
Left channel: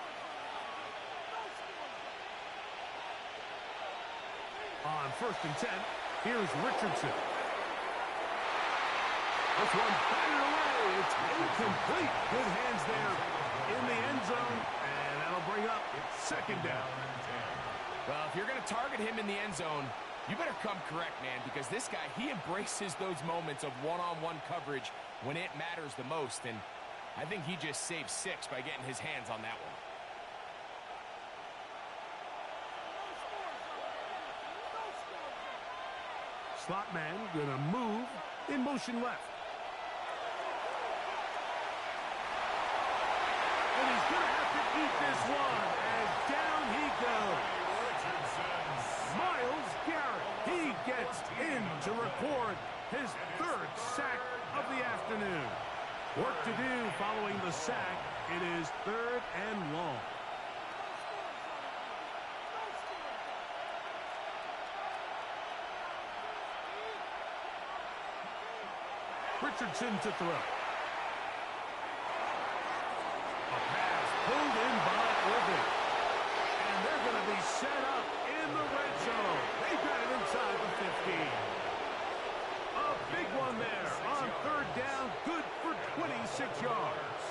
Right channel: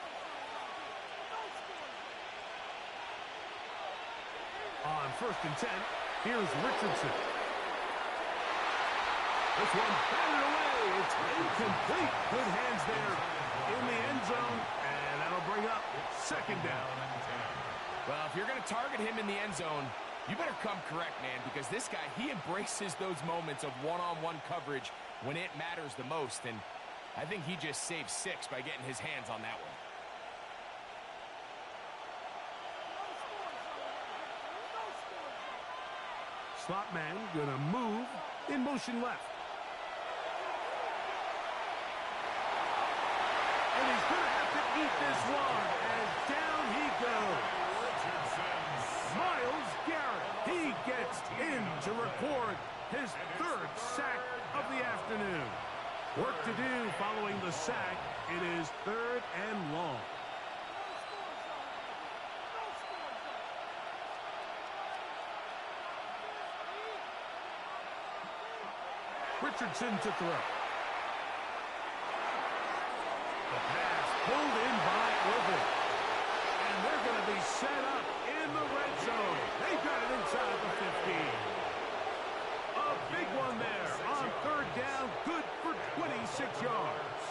On 1st and 10, here's Richardson. This one batted away. It's incomplete. Good hands there in the end zone, and that'll bring up 2nd down. Well, if you're going to target him in the end zone, you better come correct, man, because this guy, he embraces those moments of one-on-one coverage when it matters the most, and I think he just saved 6 by getting his hands on that one. Slot man gonna move in motion left. And he's gonna have to eat this one as down he goes. Myles Garrett, he gets in to record his 3rd sack of the afternoon. Work to do following the sack. It is 3rd and long. Richardson to throw. A pass pulled in by Irving. And they're going to be set up in the red zone. They've got it inside the 15. A big one there on 3rd down. Good for 26 yards.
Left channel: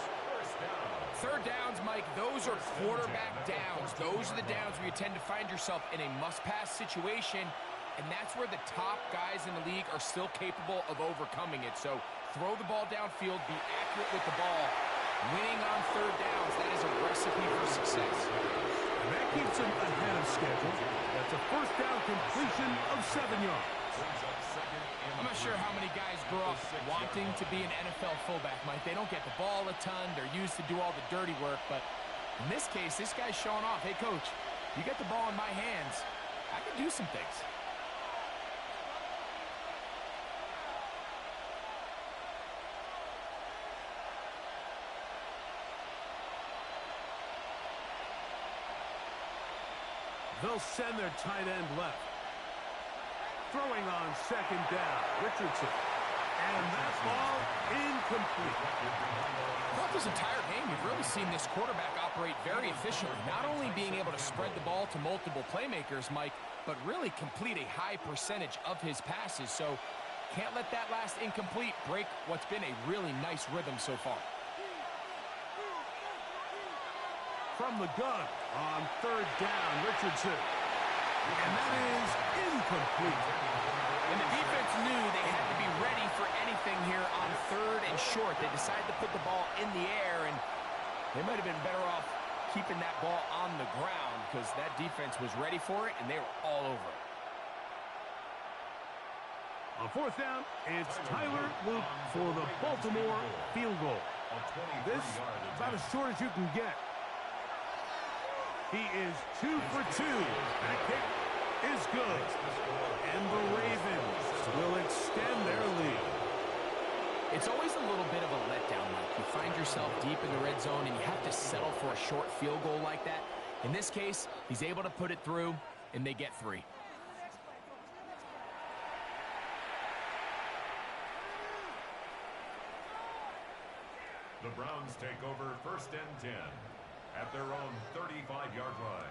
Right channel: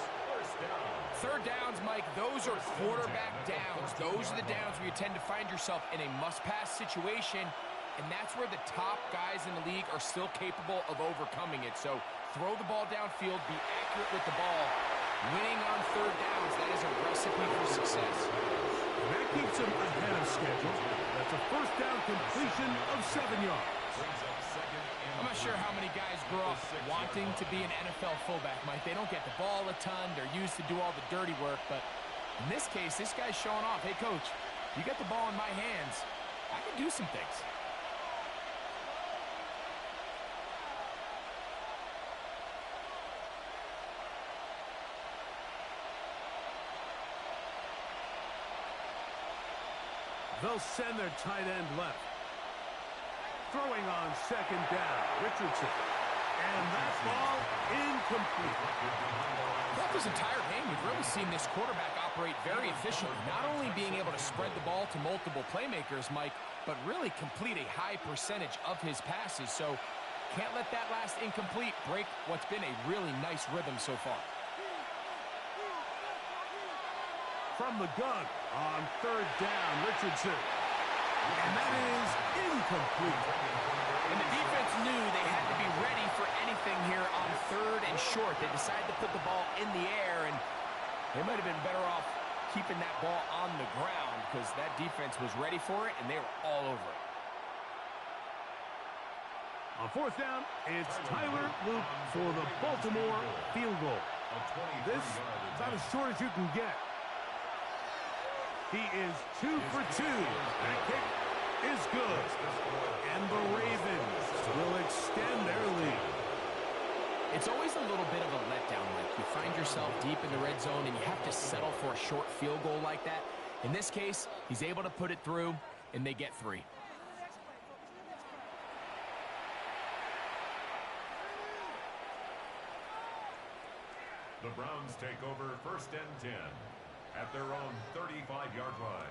3rd downs, Mike, those are quarterback downs. Those are the downs where you tend to find yourself in a must-pass situation. And that's where the top guys in the league are still capable of overcoming it. So throw the ball downfield, be accurate with the ball. Winning on 3rd downs, that is a recipe for success. And that keeps him ahead of schedule. That's a 1st down completion of 7 yards. I'm not sure how many guys grow up wanting to be an NFL fullback, Mike. They don't get the ball a ton. They're used to do all the dirty work. But in this case, this guy's showing off. Hey, coach, you get the ball in my hands. I can do some things. They'll send their tight end left. Throwing on 2nd down, Richardson. And that ball incomplete. Throughout this entire game, we've really seen this quarterback operate very efficiently. Not only being able to spread the ball to multiple playmakers, Mike, but really complete a high percentage of his passes. So can't let that last incomplete break what's been a really nice rhythm so far. From the gun on 3rd down, Richardson. And that is incomplete. And the defense knew they had to be ready for anything here on 3rd and short. They decided to put the ball in the air, and they might have been better off keeping that ball on the ground because that defense was ready for it, and they were all over it. On 4th down, it's Tyler Luke for the Baltimore field goal. This about as short as you can get. He is 2 for 2. That kick is good. And the Ravens will extend their lead. It's always a little bit of a letdown, Mike. You find yourself deep in the red zone and you have to settle for a short field goal like that. In this case, he's able to put it through, and they get 3. The Browns take over 1st and 10 at their own 35-yard line.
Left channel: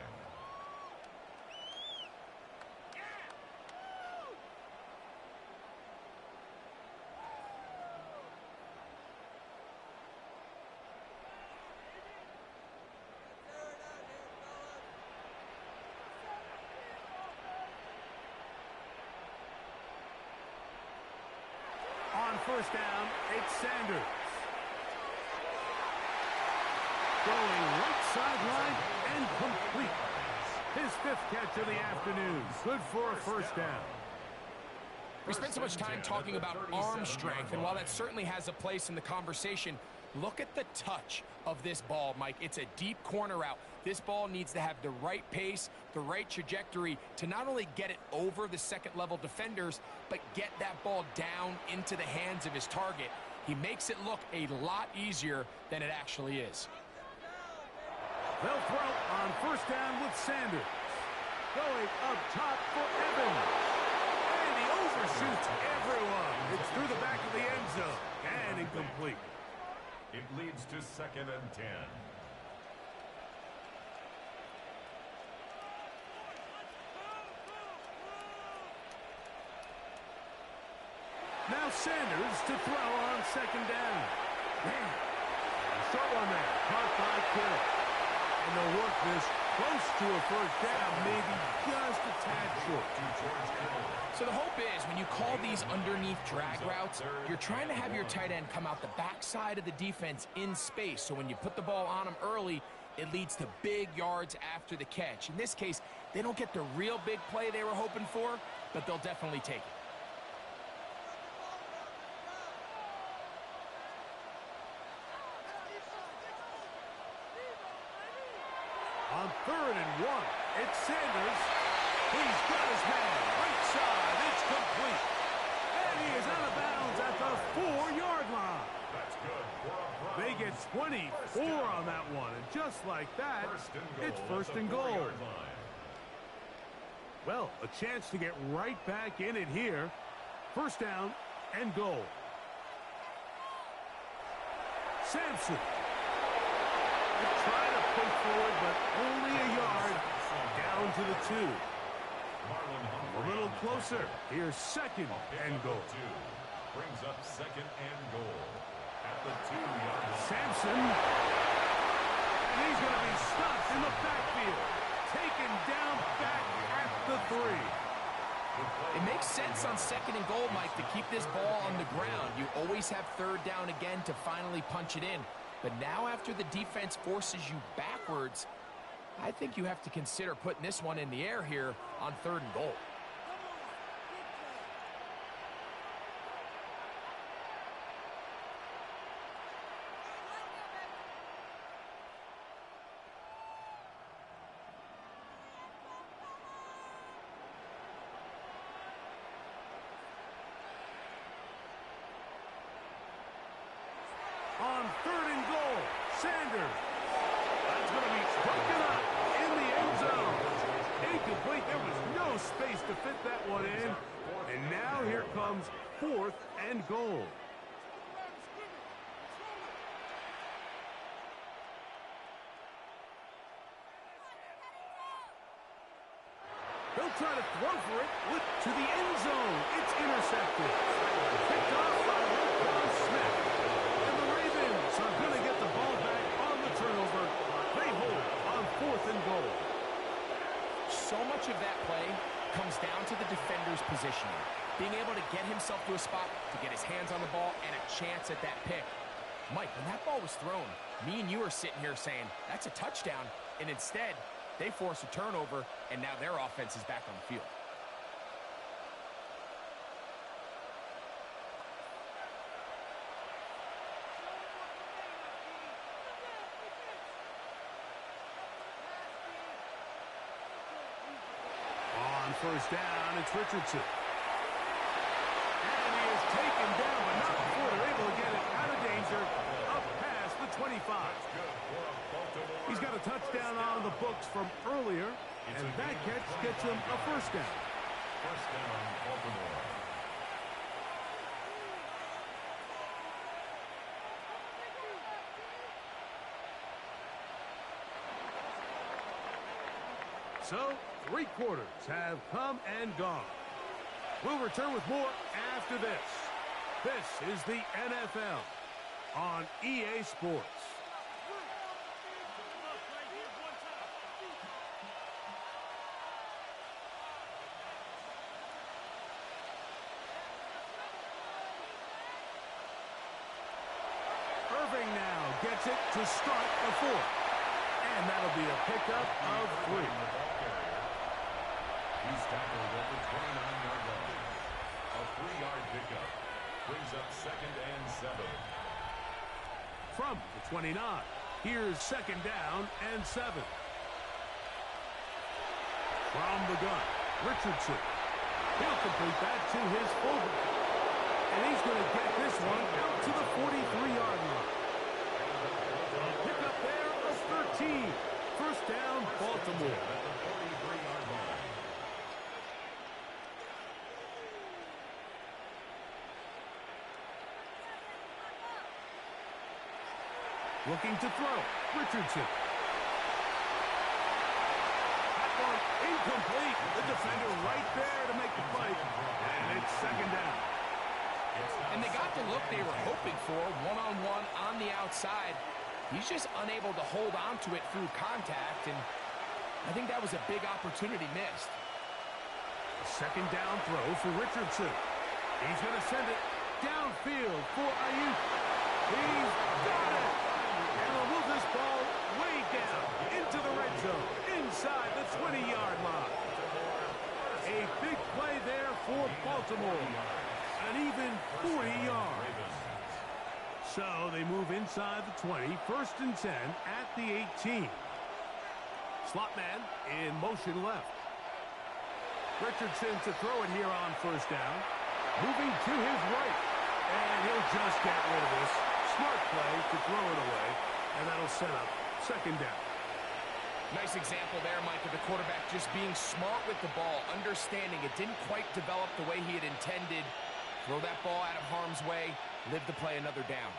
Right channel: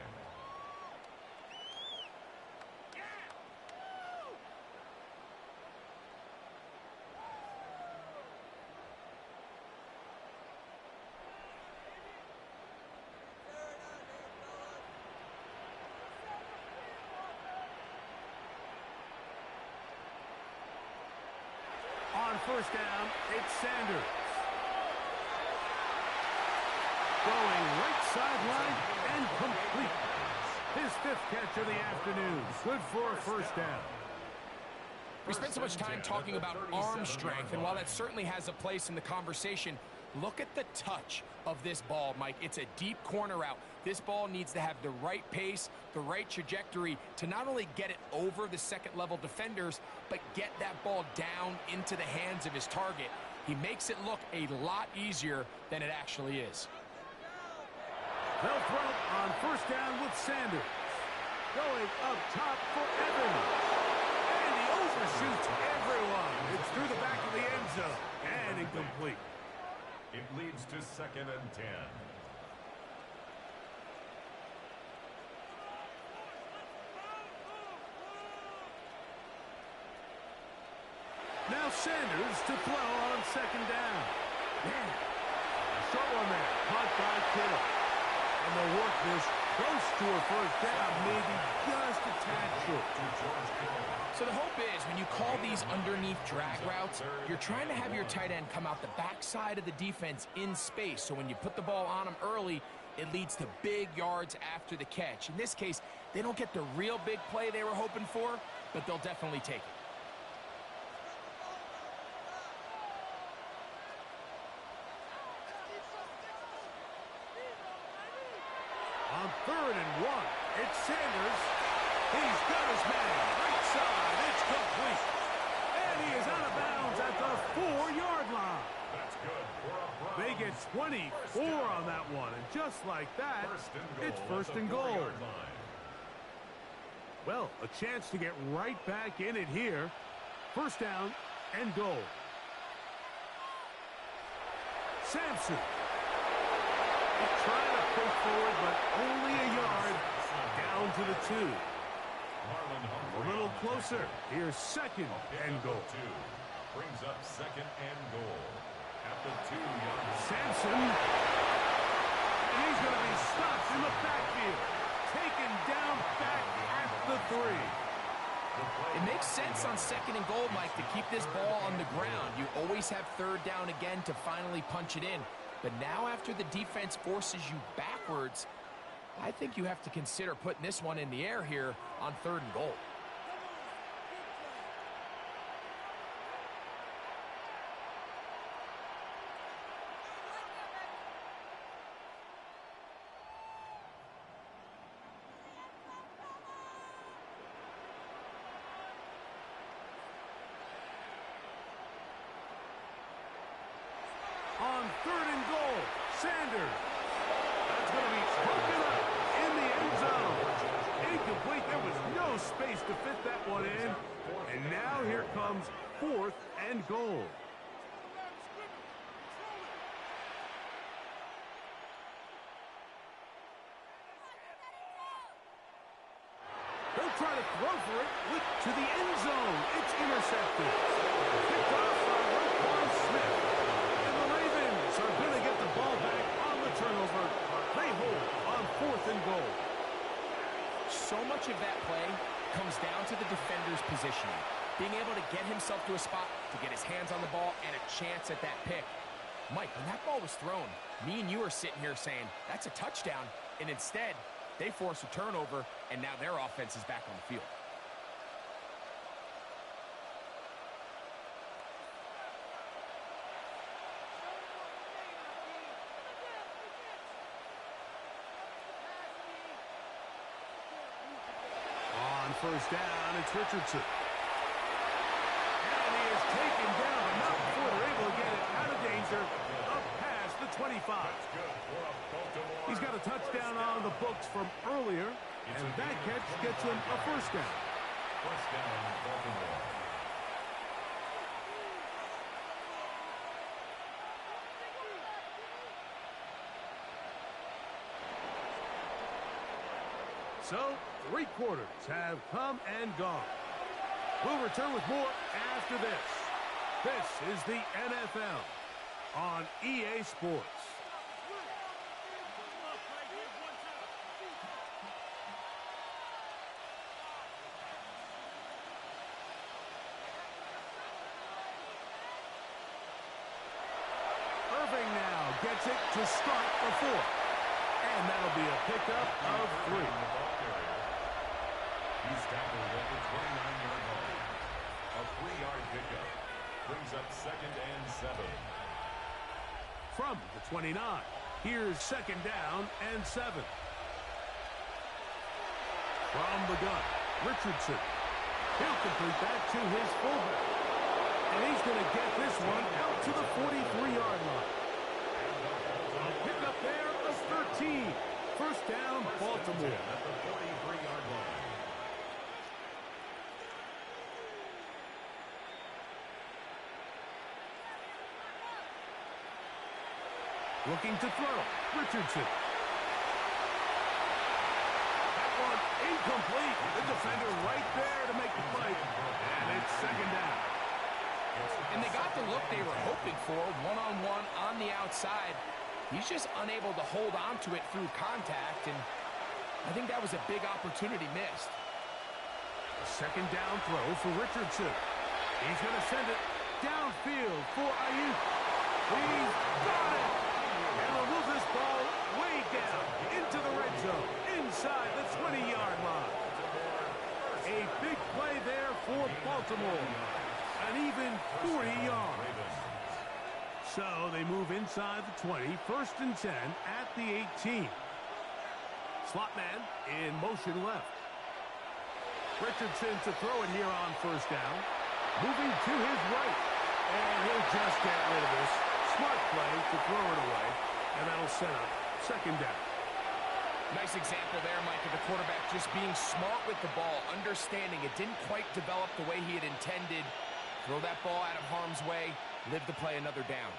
On 1st down, it's Sanders. Going right sideline and complete. His 5th catch of the afternoon. Good for a 1st down. We spent so much time talking about arm strength, and while that certainly has a place in the conversation, look at the touch of this ball, Mike. It's a deep corner route. This ball needs to have the right pace, the right trajectory to not only get it over the second-level defenders, but get that ball down into the hands of his target. He makes it look a lot easier than it actually is. They'll throw on 1st down with Sanders. Going up top for Evans. And he overshoots everyone. It's through the back of the end zone. And incomplete. It leads to 2nd and 10. Now Sanders to throw on second down. Man, a short one there, caught by Kittle. And they'll work this close to a first down, maybe just a tad short. So the hope is when you call these underneath drag routes, you're trying to have your tight end come out the backside of the defense in space. So when you put the ball on him early, it leads to big yards after the catch. In this case, they don't get the real big play they were hoping for, but they'll definitely take it. On 3rd and 1, it's Sanders. He's got his man. Right side. It's complete. And he is out of bounds at the 4-yard line. That's good for a Browns. They get 24 on that one. And just like that, it's first and goal. Well, a chance to get right back in it here. First down and goal. Sampson. Trying to push forward, but only a yard down to the 2. A little closer. Here's second and goal. Brings up second and goal at the 2-yard line. Sampson. And he's going to be stopped in the backfield. Taken down back at the 3. It makes sense on second and goal, Mike, to keep this ball on the ground. You always have third down again to finally punch it in. But now after the defense forces you backwards, I think you have to consider putting this one in the air here on 3rd and goal. On 3rd and goal, Sanders. That's going to be broken up in the end zone. Incomplete. There was no space to fit that one in. And now here comes 4th and goal. They'll try to throw for it to the end zone. It's intercepted. Picked off by Roquan Smith. Are going to get the ball back on the turnover. They hold on 4th and goal. So much of that play comes down to the defender's positioning. Being able to get himself to a spot, to get his hands on the ball, and a chance at that pick. Mike, when that ball was thrown, me and you are sitting here saying, that's a touchdown. And instead, they force a turnover, and now their offense is back on the field. First down, it's Richardson. And he is taken down, but not before they're able to get it out of danger, up past the 25. He's got a touchdown on the books from earlier, and that catch gets him a first down. First down, Baltimore. So, 3 quarters have come and gone. We'll return with more after this. This is the NFL on EA Sports. Irving now gets it to start the 4th. And that'll be a pickup of 3. He's tackled at the 29-yard line. A 3-yard pickup brings up second and 7. From the 29, here's second down and 7. From the gun, Richardson. He'll complete that to his fullback. And he's going to get this one out to the 43-yard line. A pickup there of 13. First down, Baltimore. At the 43-yard line. Looking to throw, Richardson. That one incomplete. The defender right there to make the play. And it's second down. And they got the look they were hoping for, one-on-one on the outside. He's just unable to hold on to it through contact, and I think that was a big opportunity missed. A second down throw for Richardson. He's going to send it downfield for Ayuk. He's got it! And they'll move this ball way down into the red zone, inside the 20-yard line. A big play there for Baltimore. An even 40 yards. So they move inside the 20, 1st and 10 at the 18. Slot man in motion left. Richardson to throw it here on 1st down. Moving to his right. And he'll just get rid of this. Smart play to throw it away. And that'll set up 2nd down. Nice example there, Mike, of the quarterback just being smart with the ball, understanding it didn't quite develop the way he had intended. Throw that ball out of harm's way, live to play another down.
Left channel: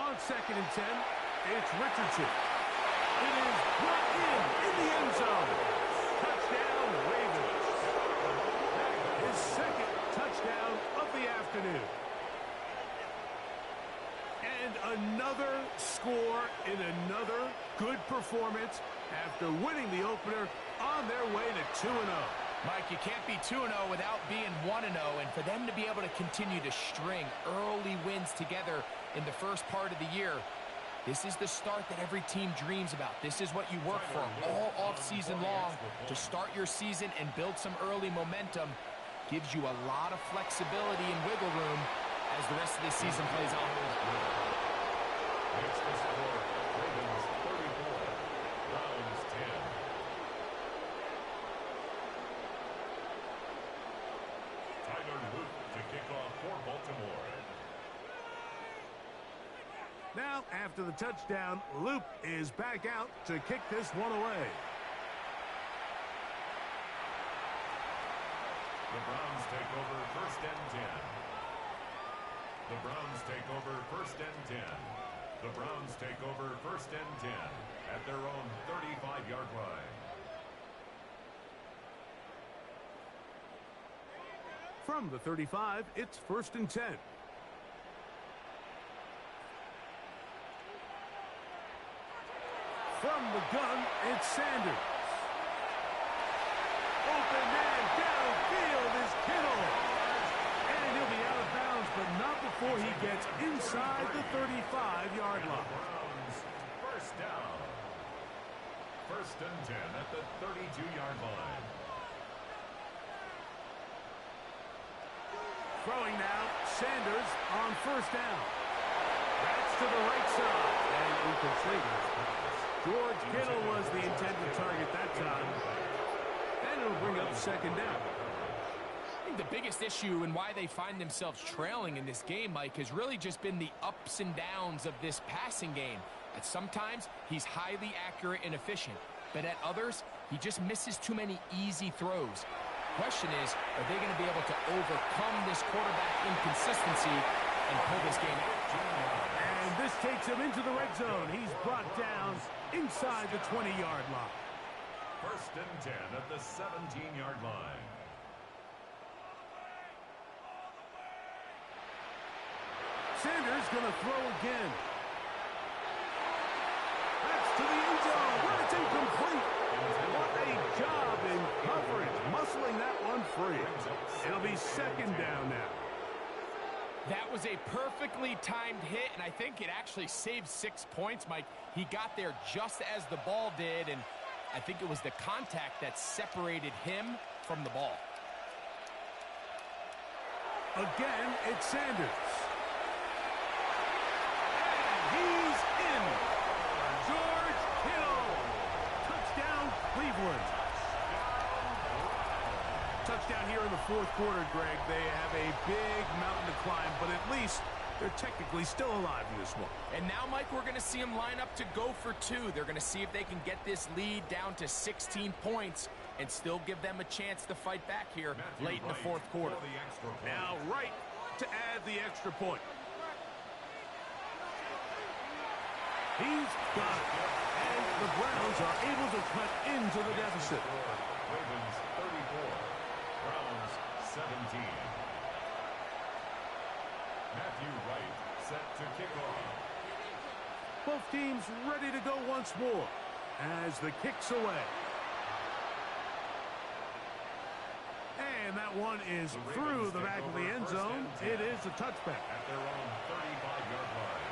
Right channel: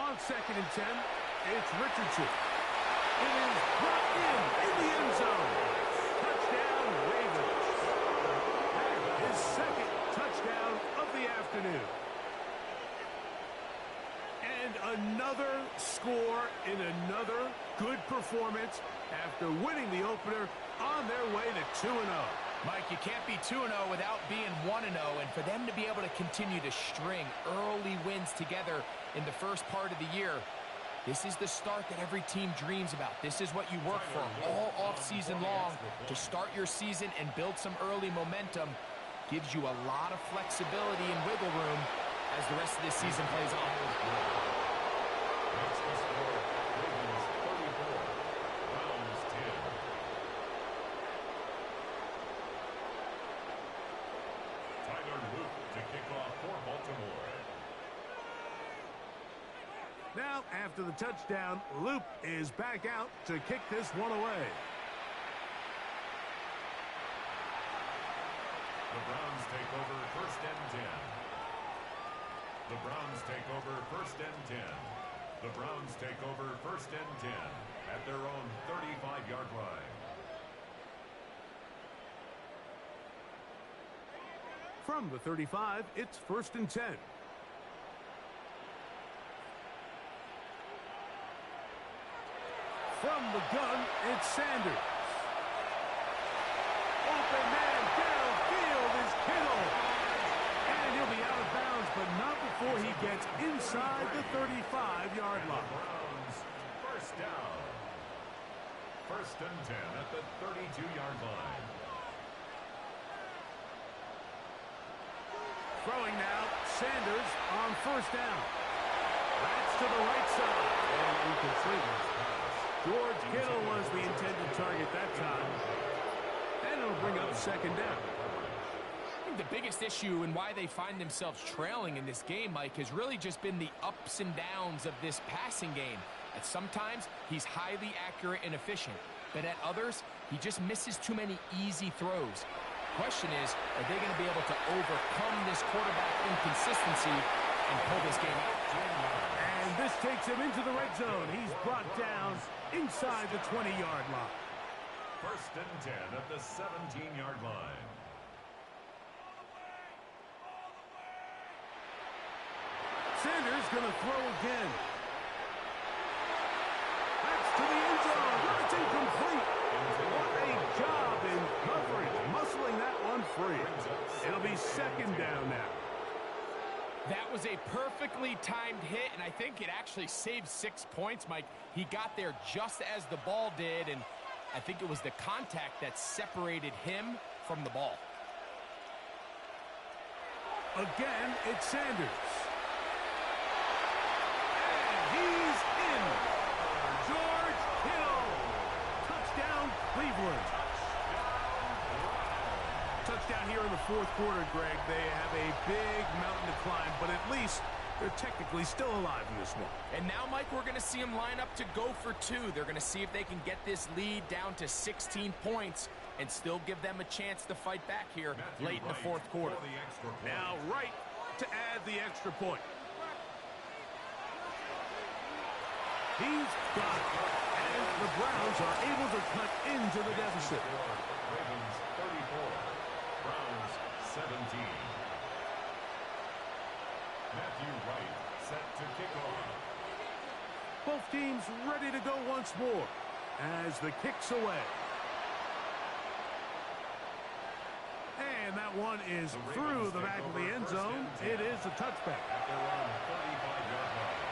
On 2nd and 10, it's Richardson. It is brought in the end zone. Touchdown, Ravens. His 2nd touchdown of the afternoon. And another score in another good performance after winning the opener on their way to 2-0. Mike, you can't be 2-0 without being 1-0, and for them to be able to continue to string early wins together in the first part of the year, this is the start that every team dreams about. This is what you work for all offseason long to start your season and build some early momentum. Gives you a lot of flexibility and wiggle room as the rest of this season plays on. Makes the score Ravens 34, Browns 10. Tyler Luke to kick off for Baltimore. Now, after the touchdown, Luke is back out to kick this one away. The Browns take over 1st and 10. The Browns take over 1st and 10. The Browns take over 1st and 10 at their own 35-yard line. From the 35, it's 1st and 10. From the gun, it's Sanders. Open man downfield is Kittle. And he'll be out of bounds, but not before he gets inside the 35-yard line. Browns 1st down. 1st and 10 at the 32-yard line. Throwing now, Sanders on 1st down. That's to the right side and incomplete. George Kittle was the intended target that time. And it'll bring up 2nd down. I think the biggest issue and why they find themselves trailing in this game, Mike, has really just been the ups and downs of this passing game. At sometimes, he's highly accurate and efficient. But at others, he just misses too many easy throws. Question is, are they going to be able to overcome this quarterback inconsistency and pull this game out? And this takes him into the red zone. He's brought down inside the 20-yard line. 1st and 10 at the 17-yard line. Sanders going to throw again. That's to the end zone where it's incomplete. What a job in coverage, muscling that one free. It'll be 2nd down now. That was a perfectly timed hit, and I think it actually saved 6 points, Mike. He got there just as the ball did, and I think it was the contact that separated him from the ball. Again, it's Sanders. And he's in. George Kittle. Touchdown, Cleveland. Touchdown here in the 4th quarter, Greg. They have a big mountain to climb, but at least They're technically still alive in this one. And now, Mike, we're going to see them line up to go for two. They're going to see if they can get this lead down to 16 points and still give them a chance to fight back here late in the fourth quarter. Now Wright to add the extra point. He's got it. And the Browns are able to cut into the deficit. Ravens 34, Browns 17. Matthew Wright set to kick off. Both teams ready to go once more as the kick's away. And that one is through the back of the end zone. It is a touchback. At their own 35-yard line.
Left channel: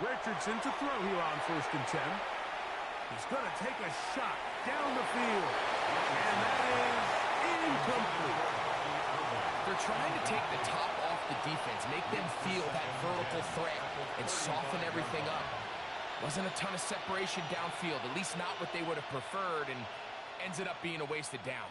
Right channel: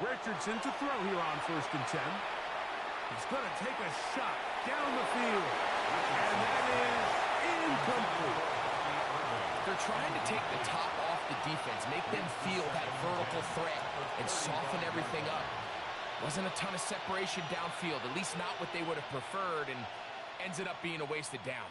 Richardson to throw here on 1st and 10. He's going to take a shot down the field. And that is incomplete. They're trying to take the top off the defense, make them feel that vertical threat, and soften everything up. Wasn't a ton of separation downfield, at least not what they would have preferred, and ends up being a wasted down.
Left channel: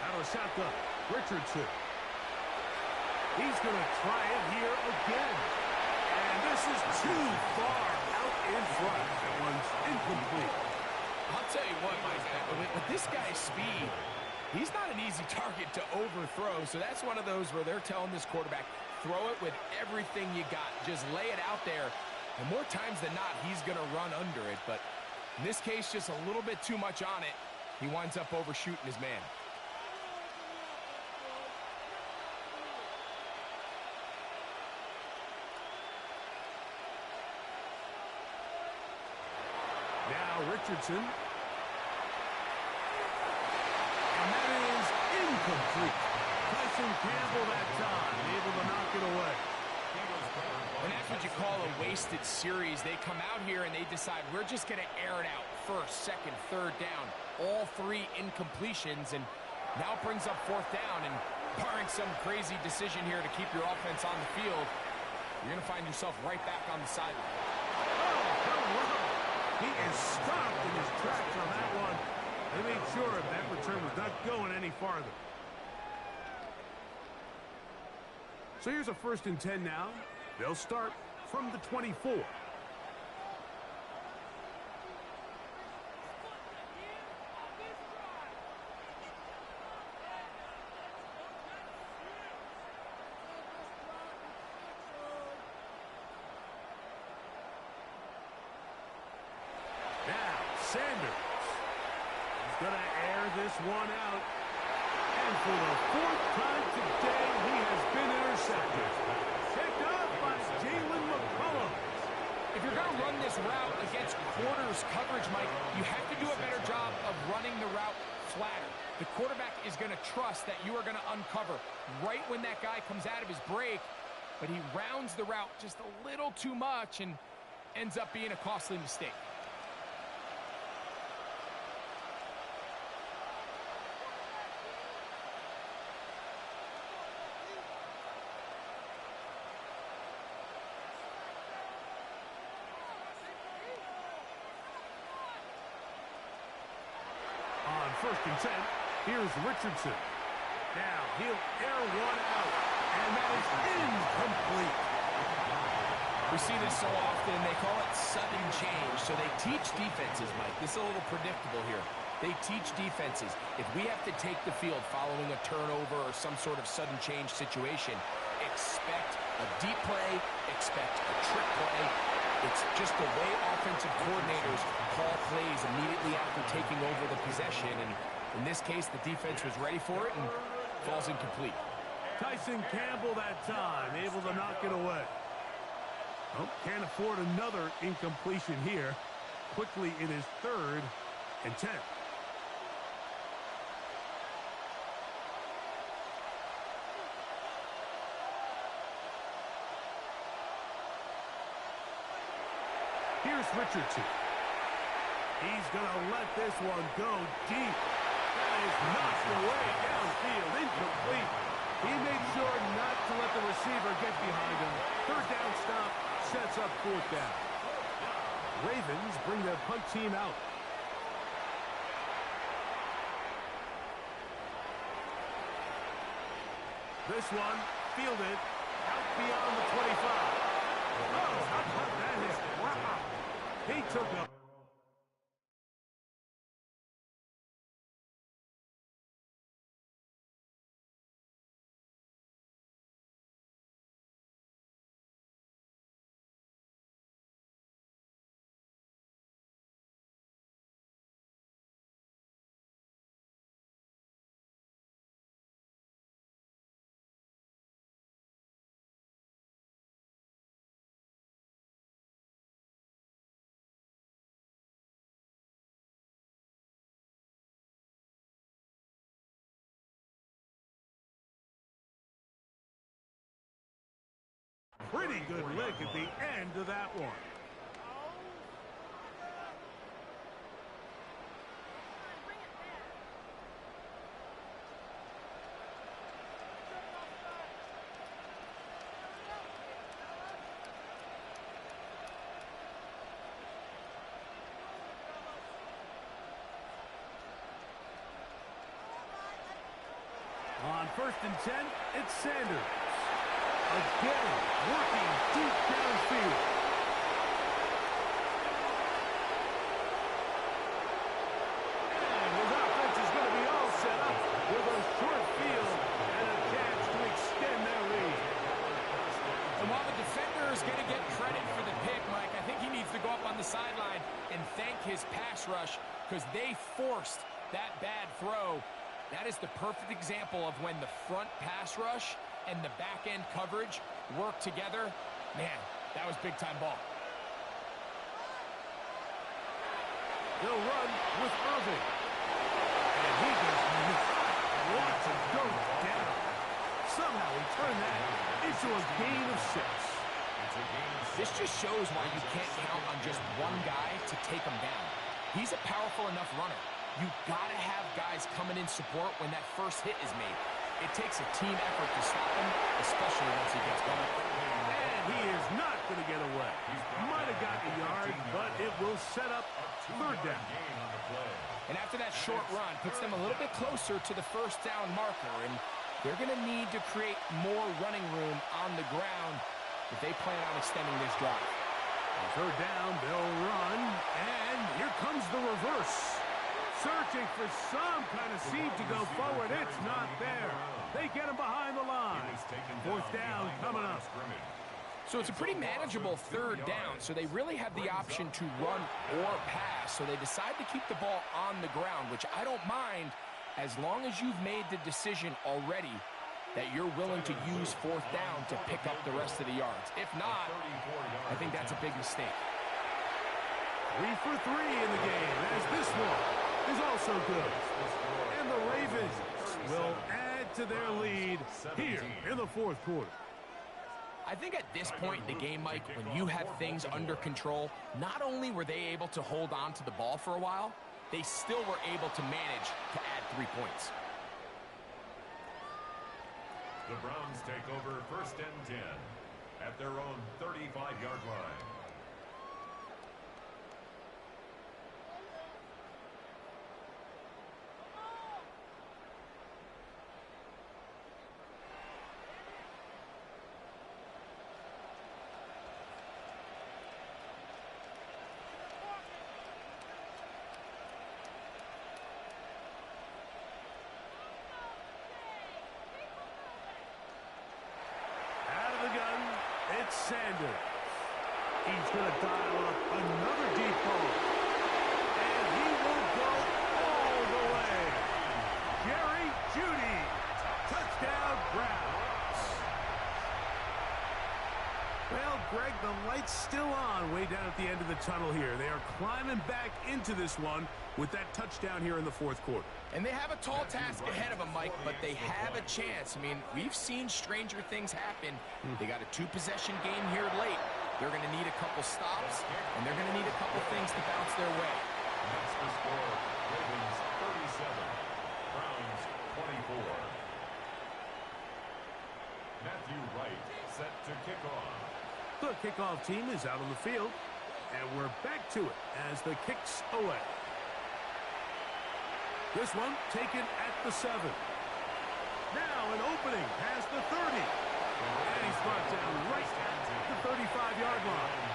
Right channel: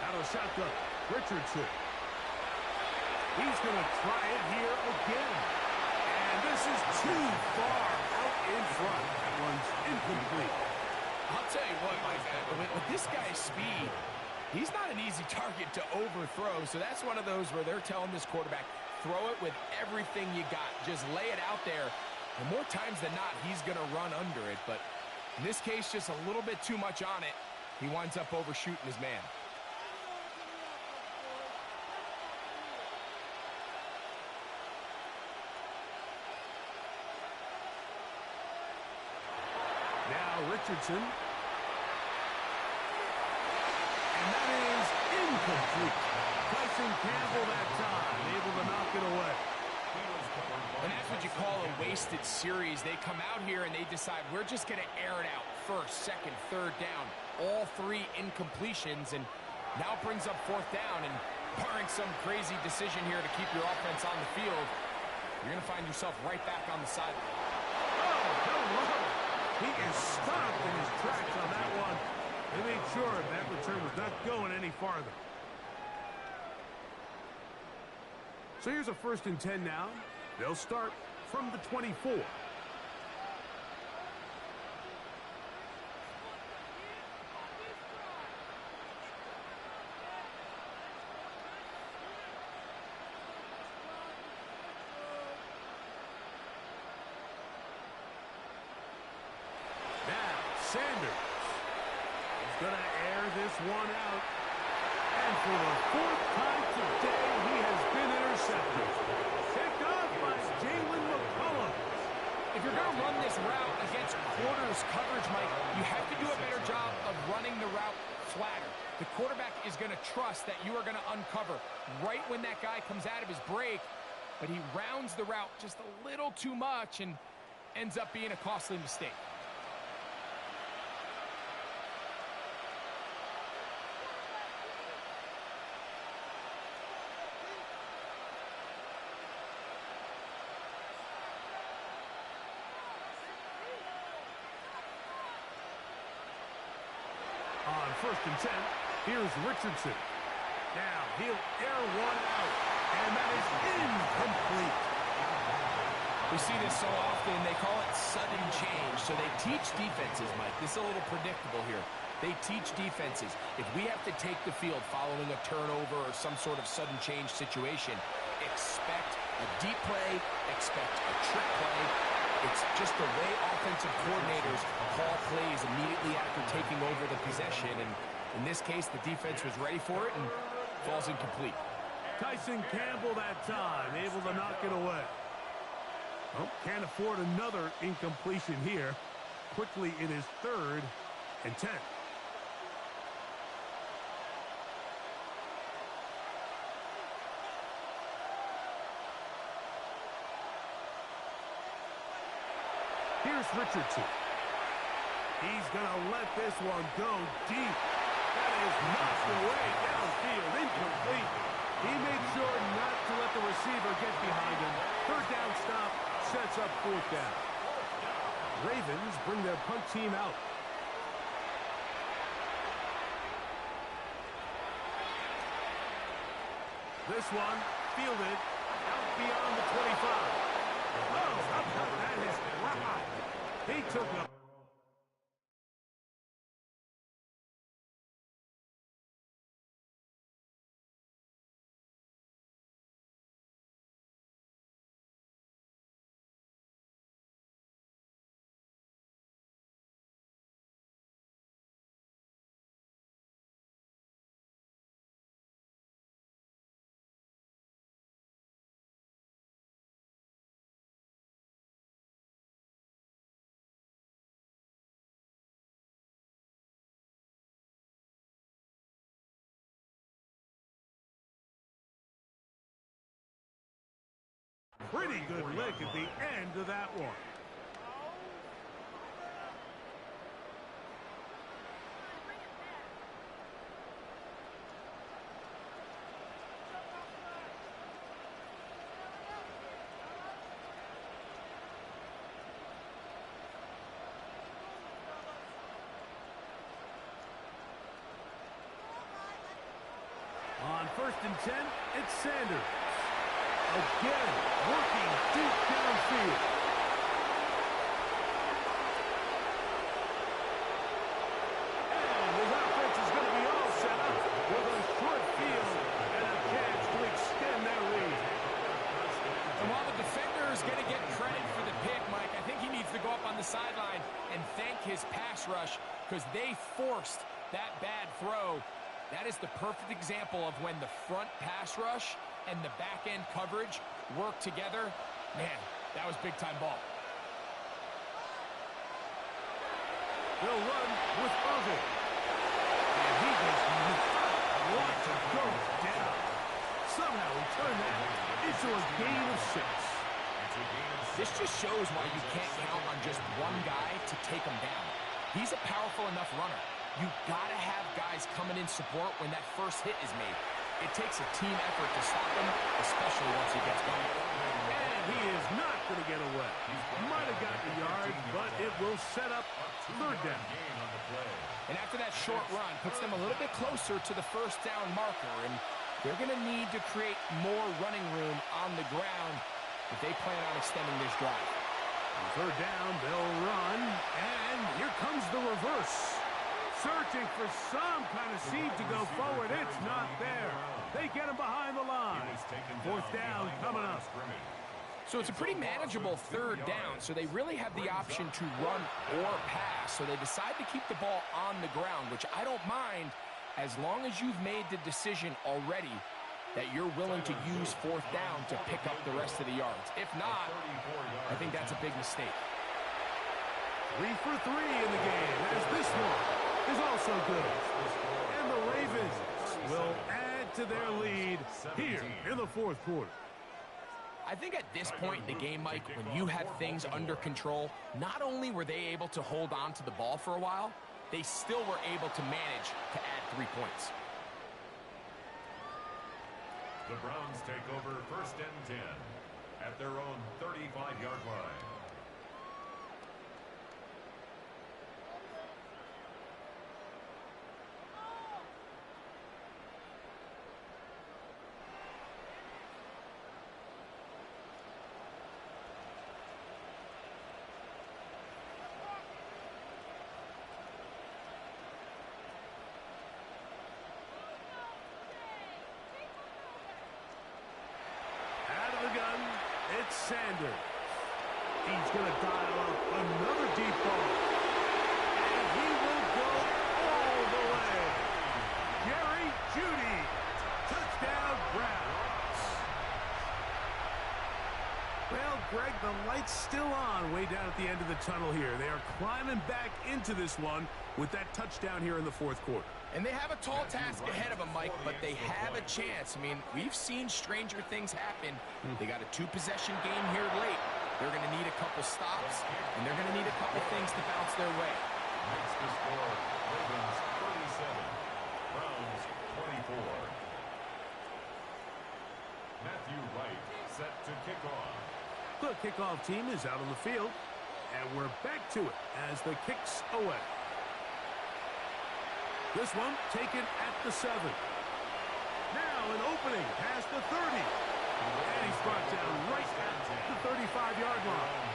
Out of the shotgun, Richardson. He's going to try it here again. And this is too far out in front. That one's incomplete. I'll tell you what, Mike, with this guy's speed, he's not an easy target to overthrow. So that's one of those where they're telling this quarterback, throw it with everything you got. Just lay it out there. And more times than not, he's going to run under it. But in this case, just a little bit too much on it. He winds up overshooting his man. Now Richardson. And that is incomplete. Tyson Campbell that time, able to knock it away. And that's what you call a wasted series. They come out here and they decide we're just going to air it out. First, second, third down. All three incompletions, and now it brings up 4th down. And barring some crazy decision here to keep your offense on the field, you're going to find yourself right back on the sideline. Oh, hello. He is stopped in his tracks on that one. They made sure that return was not going any farther. So here's a 1st and 10 now. They'll start from the 24. Now, Sanders is going to air this one out. And for the 4th time today, he has been intercepted. Picked off by Jalen McCollum. If you're going to run this route against quarters coverage, Mike, you have to do a better job of running the route flatter. The quarterback is going to trust that you are going to uncover right when that guy comes out of his break, but he rounds the route just a little too much and ends up being a costly mistake. On 1st and 10, here's Richardson. Now he'll air one out, and that is incomplete. We see this so often, they call it sudden change. So they teach defenses, Mike. This is a little predictable here. They teach defenses, if we have to take the field following a turnover or some sort of sudden change situation, expect a deep play, expect a trick play. It's just the way offensive coordinators call plays immediately after taking over the possession. And in this case, the defense was ready for it and falls incomplete. Tyson Campbell that time, able to knock it away. Oh, can't afford another incompletion here. Quickly it is 3rd and 10. Here's Richardson. He's going to let this one go deep. That is knocked away downfield, incomplete. He made sure not to let the receiver get behind him. 3rd down stop sets up 4th down. Ravens bring their punt team out. This one fielded out beyond the 25. Oh, how about that hit? Wow. He took up. Pretty good lick at the end of that one. On 1st and 10, it's Sanders. Again, working deep downfield. And his offense is going to be all set up with a short field and a chance to extend their lead. And while the defender is going to get credit for the pick, Mike, I think he needs to go up on the sideline and thank his pass rush because they forced that bad throw. That is the perfect example of when the front pass rush and the back-end coverage work together. Man, that was big-time ball. They'll run with Irving. And he does not want to go down. Somehow he turned that into a gain of 6. This just shows why you can't count on just one guy to take him down. He's a powerful enough runner. You gotta have guys coming in support when that first hit is made. It takes a team effort to stop him, especially once he gets going. And he is not going to get away. Might have gotten a yard, but it will set up 3rd down. And after that short run, puts them a little bit closer to the 1st down marker, and they're going to need to create more running room on the ground if they plan on extending this drive. On 3rd down, they'll run, and here comes the reverse. Searching for some kind of seed to go forward. It's not there. They get him behind the line. 4th down coming up. So it's a pretty manageable 3rd down, so they really have the option to run or pass. So they decide to keep the ball on the ground, which I don't mind as long as you've made the decision already that you're willing to use 4th down to pick up the rest of the yards. If not, I think that's a big mistake. 3 for 3 in the game, as this one is also good. And the Ravens will add to their lead here in the 4th quarter. I think at this point in the game, Mike, when you have things under control, not only were they able to hold on to the ball for a while, they still were able to manage to add 3 points. The Browns take over 1st and 10 at their own 35-yard line. Sanders. He's going to dial up another deep ball. And he will go all the way. Jerry Jeudy. Touchdown, Browns. Well, Greg, the light's still on way down at the end of the tunnel here. They are climbing back into this one with that touchdown here in the fourth quarter. And they have a tall task ahead of them, Mike, but they have a chance. I mean, we've seen stranger things happen. They got a two-possession game here late. They're going to need a couple stops, and they're going to need a couple things to bounce their way. Makes the score Ravens 37, Browns 24. Matthew Wright set to kick off. The kickoff team is out on the field, and we're back to it as the kick's away. This one taken at the 7. Now an opening past the 30. And he's brought down right at the 35-yard line.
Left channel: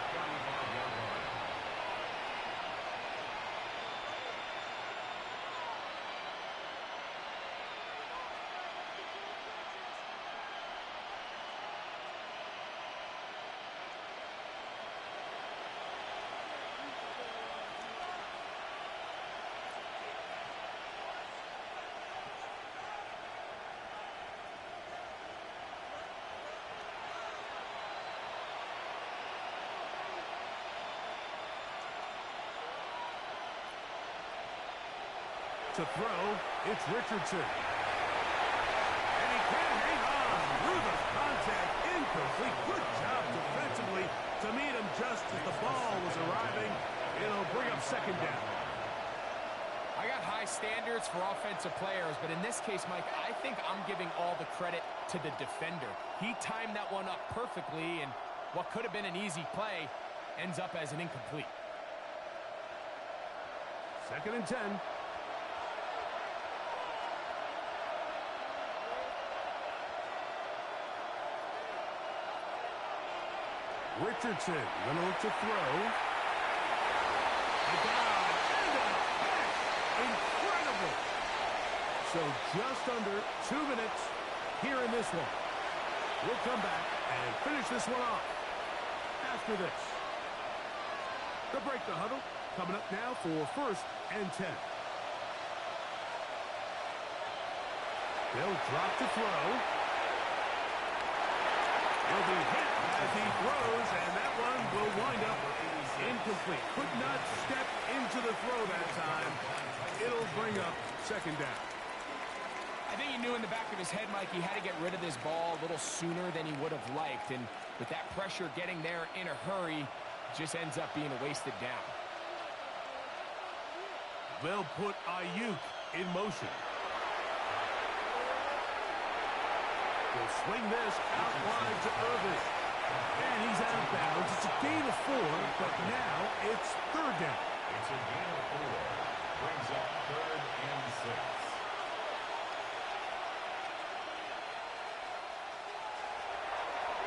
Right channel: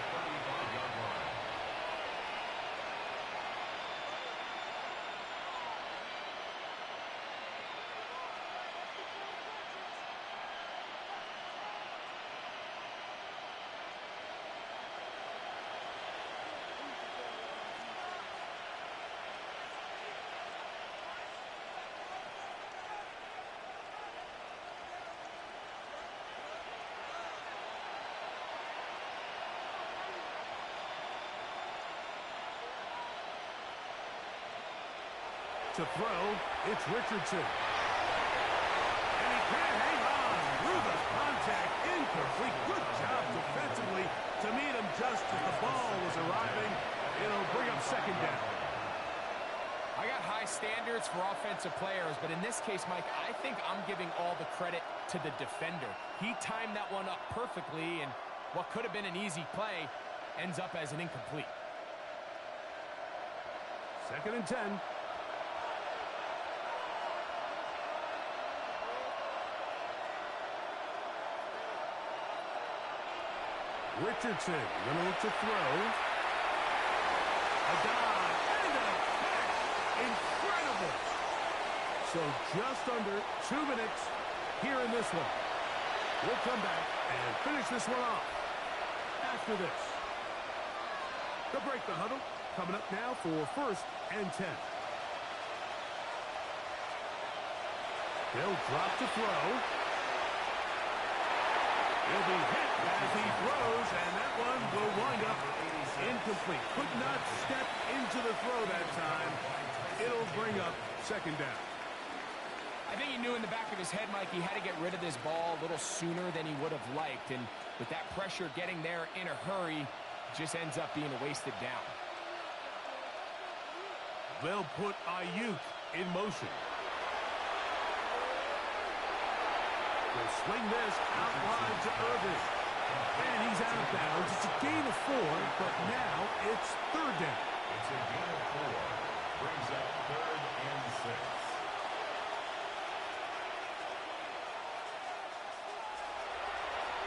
To throw, it's Richardson. And he can't hang on through the contact. Incomplete. Good job defensively to meet him just as the ball was arriving. It'll bring up second down. I got high standards for offensive players, but in this case, Mike, I think I'm giving all the credit to the defender. He timed that one up perfectly, and what could have been an easy play ends up as an incomplete. Second and 10. Richardson going to look to throw. A dive and a catch. Incredible. So just under 2 minutes here in this one. We'll come back and finish this one off after this. The break the huddle coming up now for first and 10. He'll drop to throw. He'll be hit as he throws, and that one will wind up incomplete. Could not step into the throw that time. It'll bring up second down. I think he knew in the back of his head, Mike, he had to get rid of this ball a little sooner than he would have liked. And with that pressure getting there in a hurry, it just ends up being a wasted down. They'll put Ayuk in motion. Will swing this out wide to Irving. And he's out of bounds. It's a gain of 4, but now it's third down. It's a gain of 4. Brings up third and 6.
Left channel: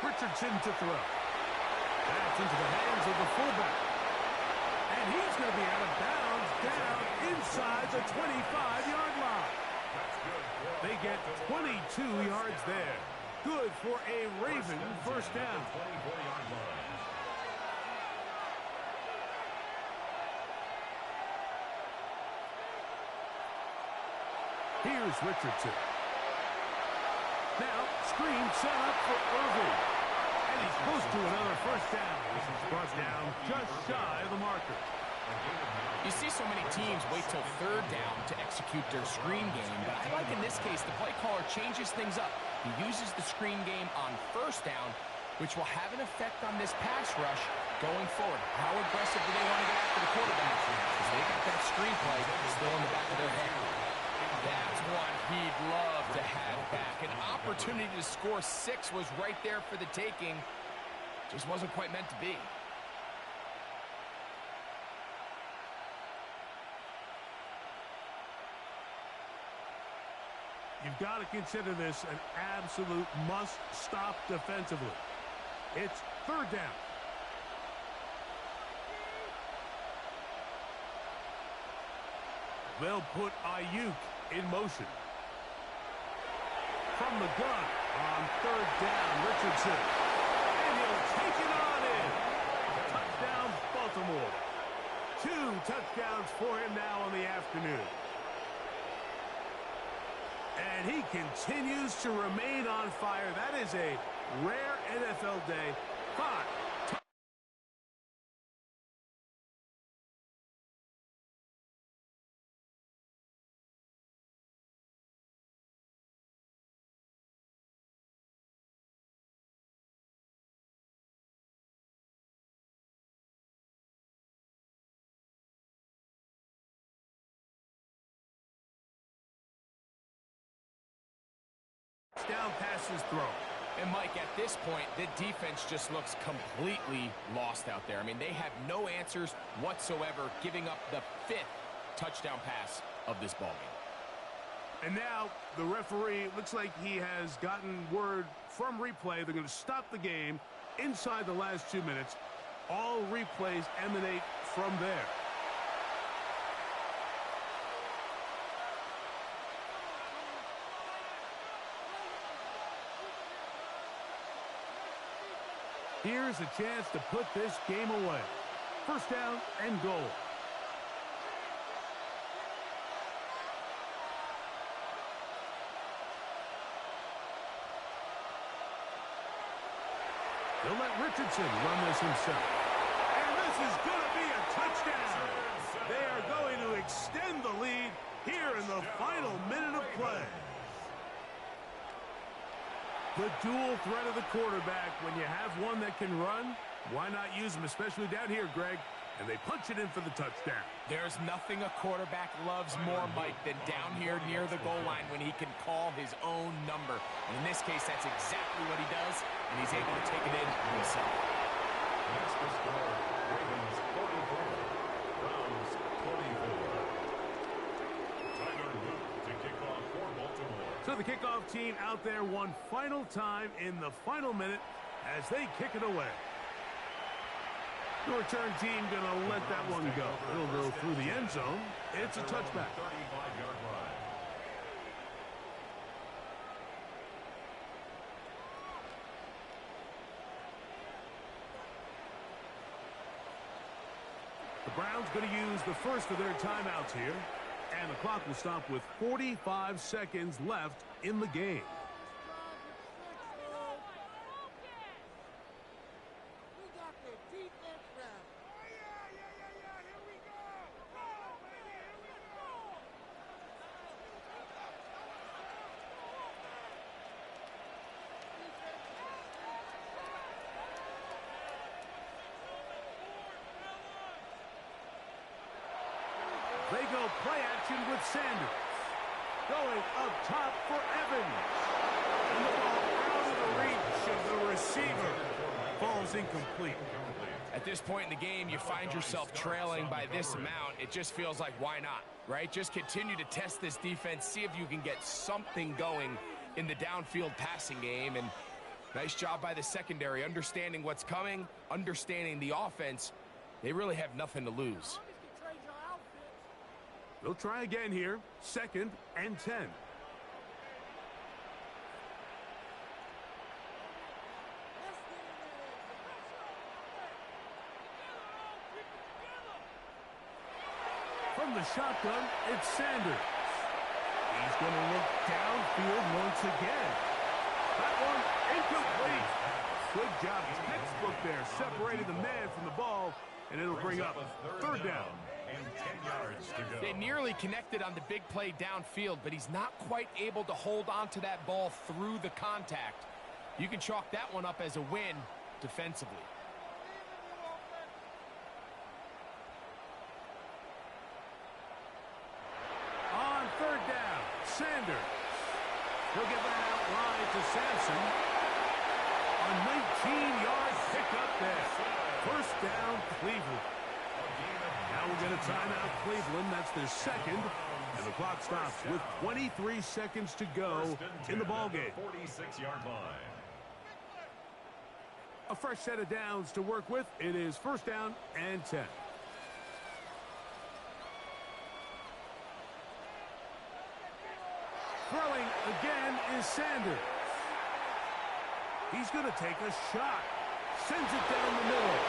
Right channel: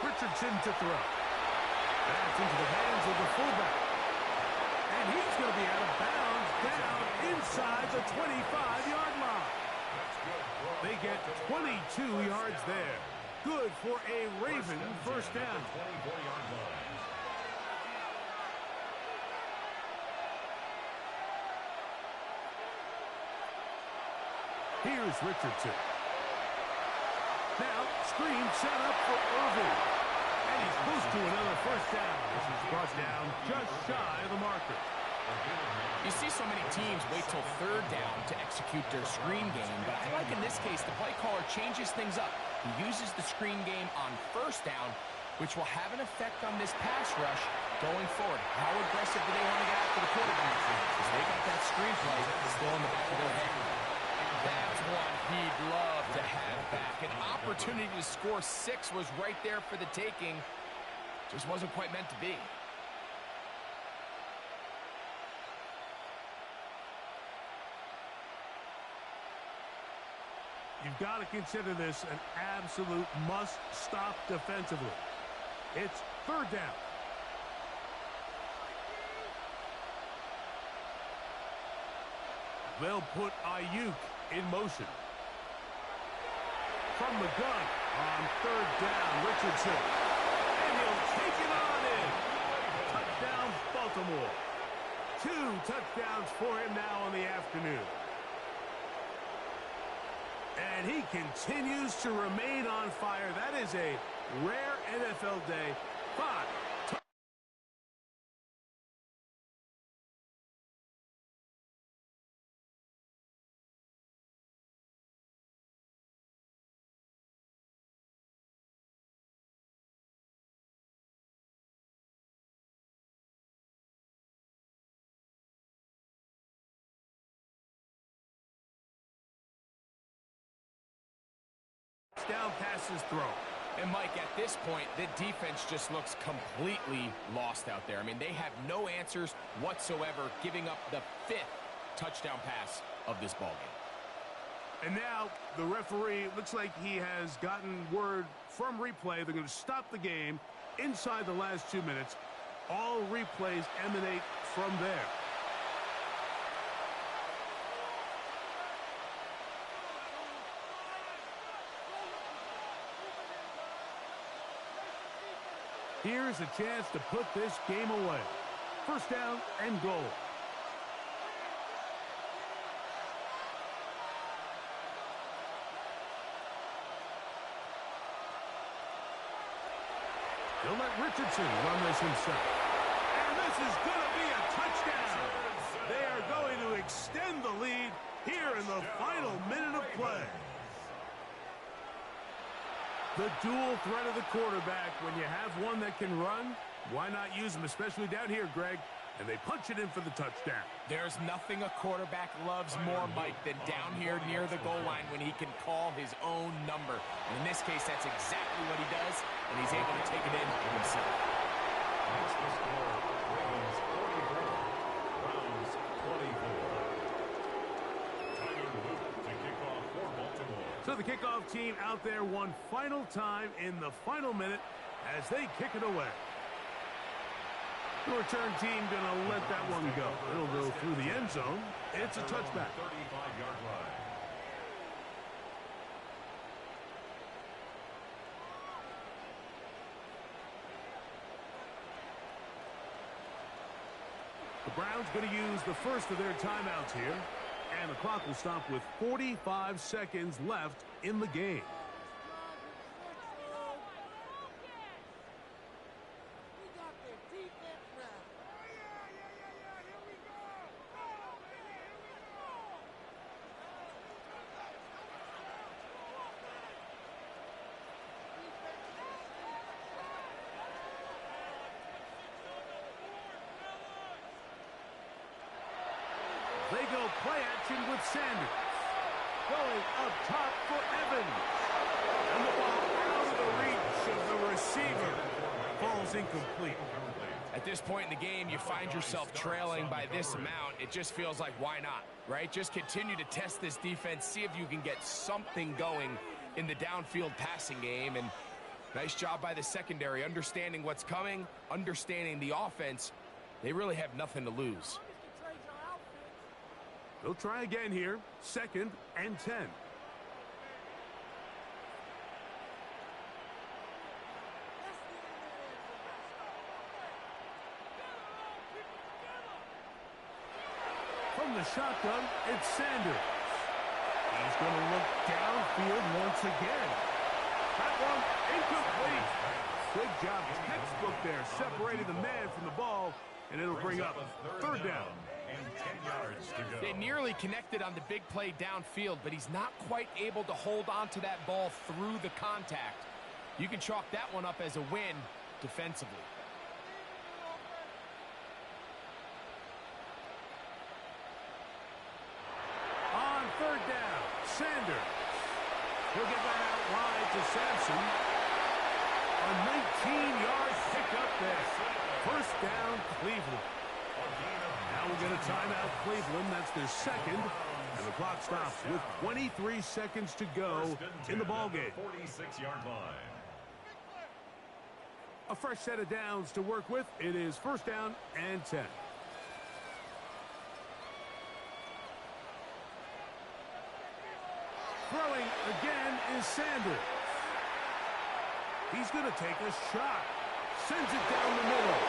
Richardson to throw. That's into the hands of the fullback. And he's going to be out of bounds down inside the 25-yard line. They get 22 yards there. Good for a Raven first down. Here's Richardson. Now, screen set up for Irving. And he's close to another first down. This is brought down just shy of the marker. You see so many teams wait till third down to execute their screen game, but I like in this case the play caller changes things up. He uses the screen game on first down, which will have an effect on this pass rush going forward. How aggressive do they want to get after the quarterback? Because they got that screen play still in the back of their head. That's one he'd love to have back. An opportunity to score 6 was right there for the taking. Just wasn't quite meant to be. You've got to consider this an absolute must-stop defensively. It's third down. They'll put Ayuk in motion. From the gun on third down, Richardson. And he'll Take it on in. Touchdown, Baltimore. 2 touchdowns for him now on the afternoon. And he continues to remain on fire. That is a rare NFL day. 5. Down passes thrown. And Mike, at this point, the defense just looks completely lost out there. I mean, they have no answers whatsoever, giving up the 5th touchdown pass of this ballgame. And now the referee looks like he has gotten word from replay. They're going to stop the game inside the last 2 minutes. All replays emanate from there. Here's a chance to put this game away. First down and goal. He'll let Richardson run this himself. And this is going to be a touchdown. They are going to extend the lead here in the final minute of play. The dual threat of the quarterback. When you have one that can run, why not use him, especially down here, Greg? And they punch it in for the touchdown. There's nothing a quarterback loves more, Mike, than down here near the goal line when he can call his own number. And in this case, that's exactly what he does, and he's able to take it in himself. That's the score. Ravens 44, Browns 24. Tyler Luke to kick off for Baltimore. So the kickoff team out there one final time in the final minute as they kick it away. The return team going to let that one go. It'll go through the end zone. It's a touchback. 35-yard line. The Browns going to use the first of their timeouts here. And the clock will stop with 45 seconds left in the game. They go play action with Sanders. Going up top for Evans. And the ball out of the reach of the receiver. Falls incomplete. At this point in the game, you find yourself trailing by this amount. It just feels like, why not, right? Just continue to test this defense, see if you can get something going in the downfield passing game. And nice job by the secondary, understanding what's coming, understanding the offense. They really have nothing to lose. They'll try again here. 2nd and 10. From the shotgun, it's Sanders. He's going to look downfield once again. That one incomplete. Good job, textbook there, separating the man from the ball, and it'll bring up 3rd down. And 10 yards to go. They nearly connected on the big play downfield, but he's not quite able to hold on to that ball through the contact. You can chalk that one up as a win defensively. On 3rd down, Sanders. He'll get that out wide to Sampson. A 19-yard pickup there. 1st down, Cleveland. Now we'll get a timeout, Cleveland. That's their 2nd. And the clock stops with 23 seconds to go in the ballgame. 46-yard line. A fresh set of downs to work with. It is 1st down and 10. Throwing again is Sanders. He's going to take a shot. Sends it down the middle.